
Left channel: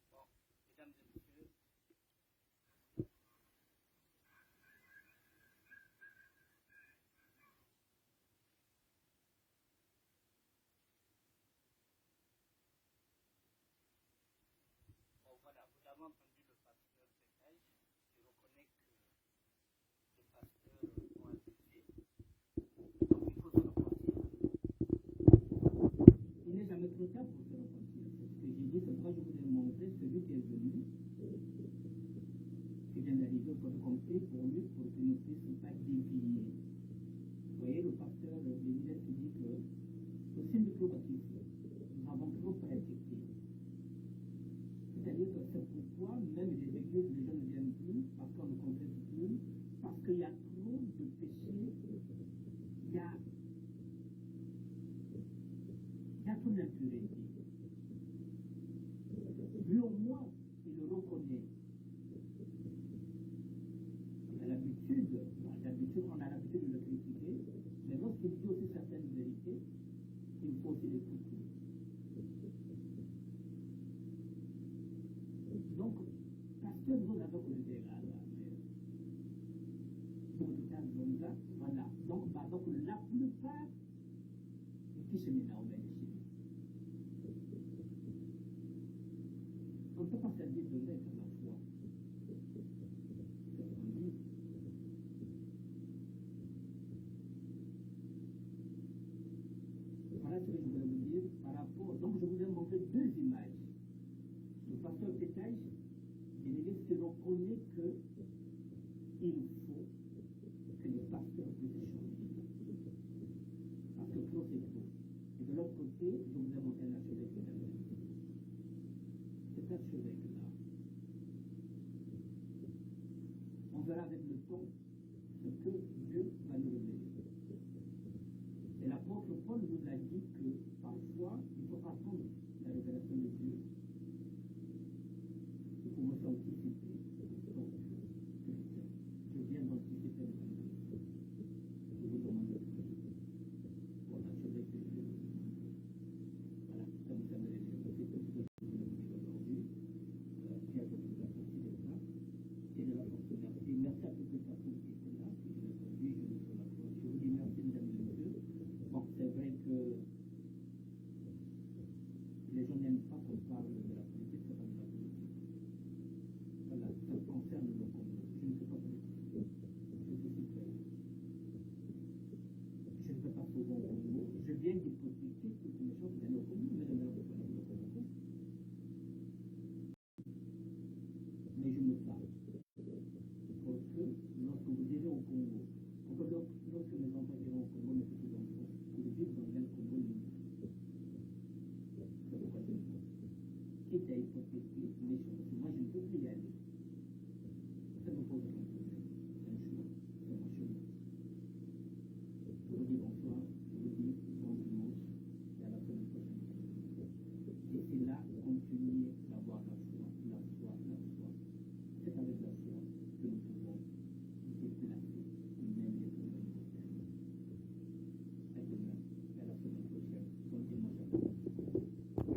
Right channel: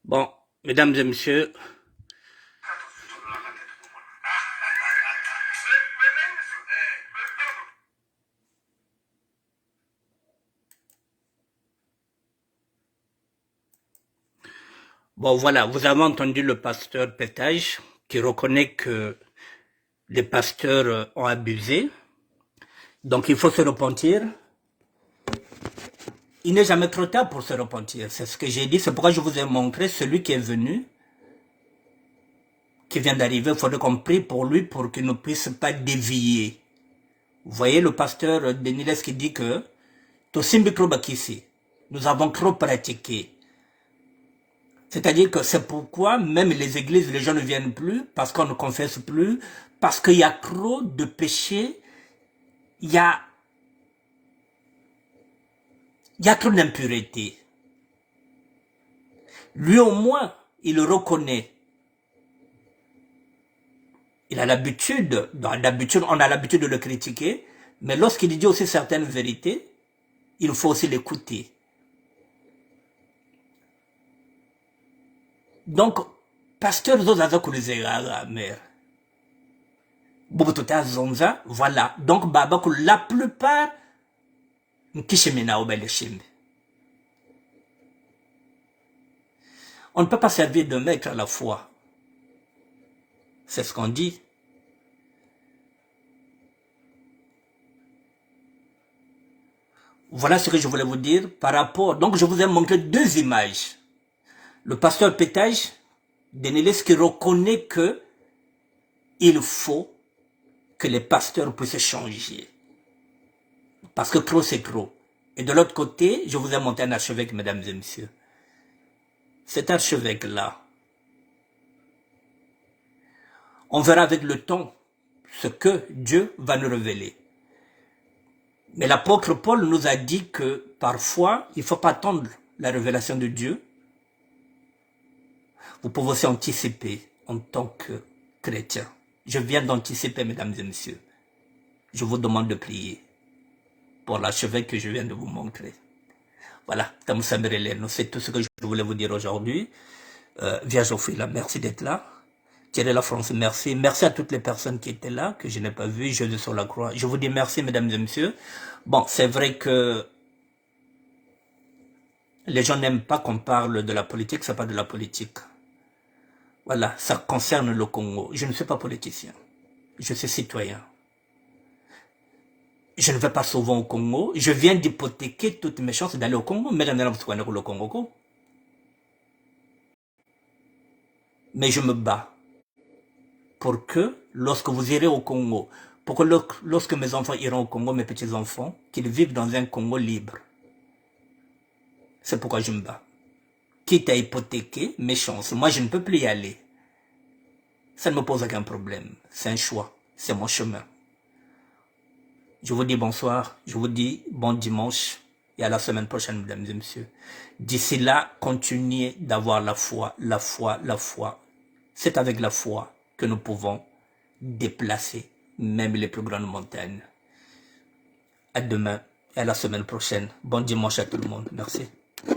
Bon, mesdames et messieurs, bon voilà, vous avez entendu le pasteur Pétage qui reconnaît que les pasteurs ont abusé, donc il faut se repentir. Il n'est jamais trop tard pour se repentir, c'est ce que j'ai dit, c'est pourquoi je vous ai montré celui qui est venu, qui vient d'arriver, il faudrait qu'on prie pour lui pour qu'il ne puisse pas dévier. Vous voyez le pasteur Deniles qui dit que nous avons trop pratiqué. C'est-à-dire que c'est pourquoi même les églises, les gens ne viennent plus, parce qu'on ne confesse plus, Parce qu'il y a trop de péchés, il y a trop d'impureté. Lui au moins, il le reconnaît. Il a l'habitude, on a l'habitude de le critiquer, mais lorsqu'il dit aussi certaines vérités, il faut aussi l'écouter. Donc, pasteur Zozaza Kulizera, mère. Bobotota Zonza, voilà. Donc, Baba, la plupart, Nkishemena Obeleshim. On ne peut pas servir de maître à la fois. C'est ce qu'on dit. Voilà ce que je voulais vous dire par rapport. Donc, je vous ai montré deux images. Le pasteur Pétage, Denelis, qui reconnaît que il faut que les pasteurs puissent changer. Parce que trop, c'est trop. Et de l'autre côté, je vous ai montré un archevêque, mesdames et messieurs. Cet archevêque-là, on verra avec le temps ce que Dieu va nous révéler. Mais l'apôtre Paul nous a dit que parfois, il ne faut pas attendre la révélation de Dieu. Vous pouvez aussi anticiper en tant que chrétien. Je viens d'anticiper, mesdames et messieurs. Je vous demande de prier pour l'archevêque que je viens de vous montrer. Voilà, c'est tout ce que je voulais vous dire aujourd'hui. Vierge Ophélia, merci d'être là. Thierry La France, merci. Merci à toutes les personnes qui étaient là, que je n'ai pas vues, Jésus sur la croix. Je vous dis merci, mesdames et messieurs. Bon, c'est vrai que les gens n'aiment pas qu'on parle de la politique, ce n'est pas de la politique. Voilà, ça concerne le Congo. Je ne suis pas politicien, je suis citoyen. Je ne vais pas souvent au Congo. Je viens d'hypothéquer toutes mes chances d'aller au Congo. Mais le Congo. Mais je me bats pour que, lorsque vous irez au Congo, pour que lorsque mes enfants iront au Congo, mes petits-enfants, qu'ils vivent dans un Congo libre. C'est pourquoi je me bats. Quitte à hypothéquer mes chances. Moi, je ne peux plus y aller. Ça ne me pose aucun problème. C'est un choix. C'est mon chemin. Je vous dis bonsoir. Je vous dis bon dimanche. Et à la semaine prochaine, mesdames et messieurs. D'ici là, continuez d'avoir la foi, la foi, la foi. C'est avec la foi que nous pouvons déplacer même les plus grandes montagnes. À demain et à la semaine prochaine. Bon dimanche à tout le monde. Merci.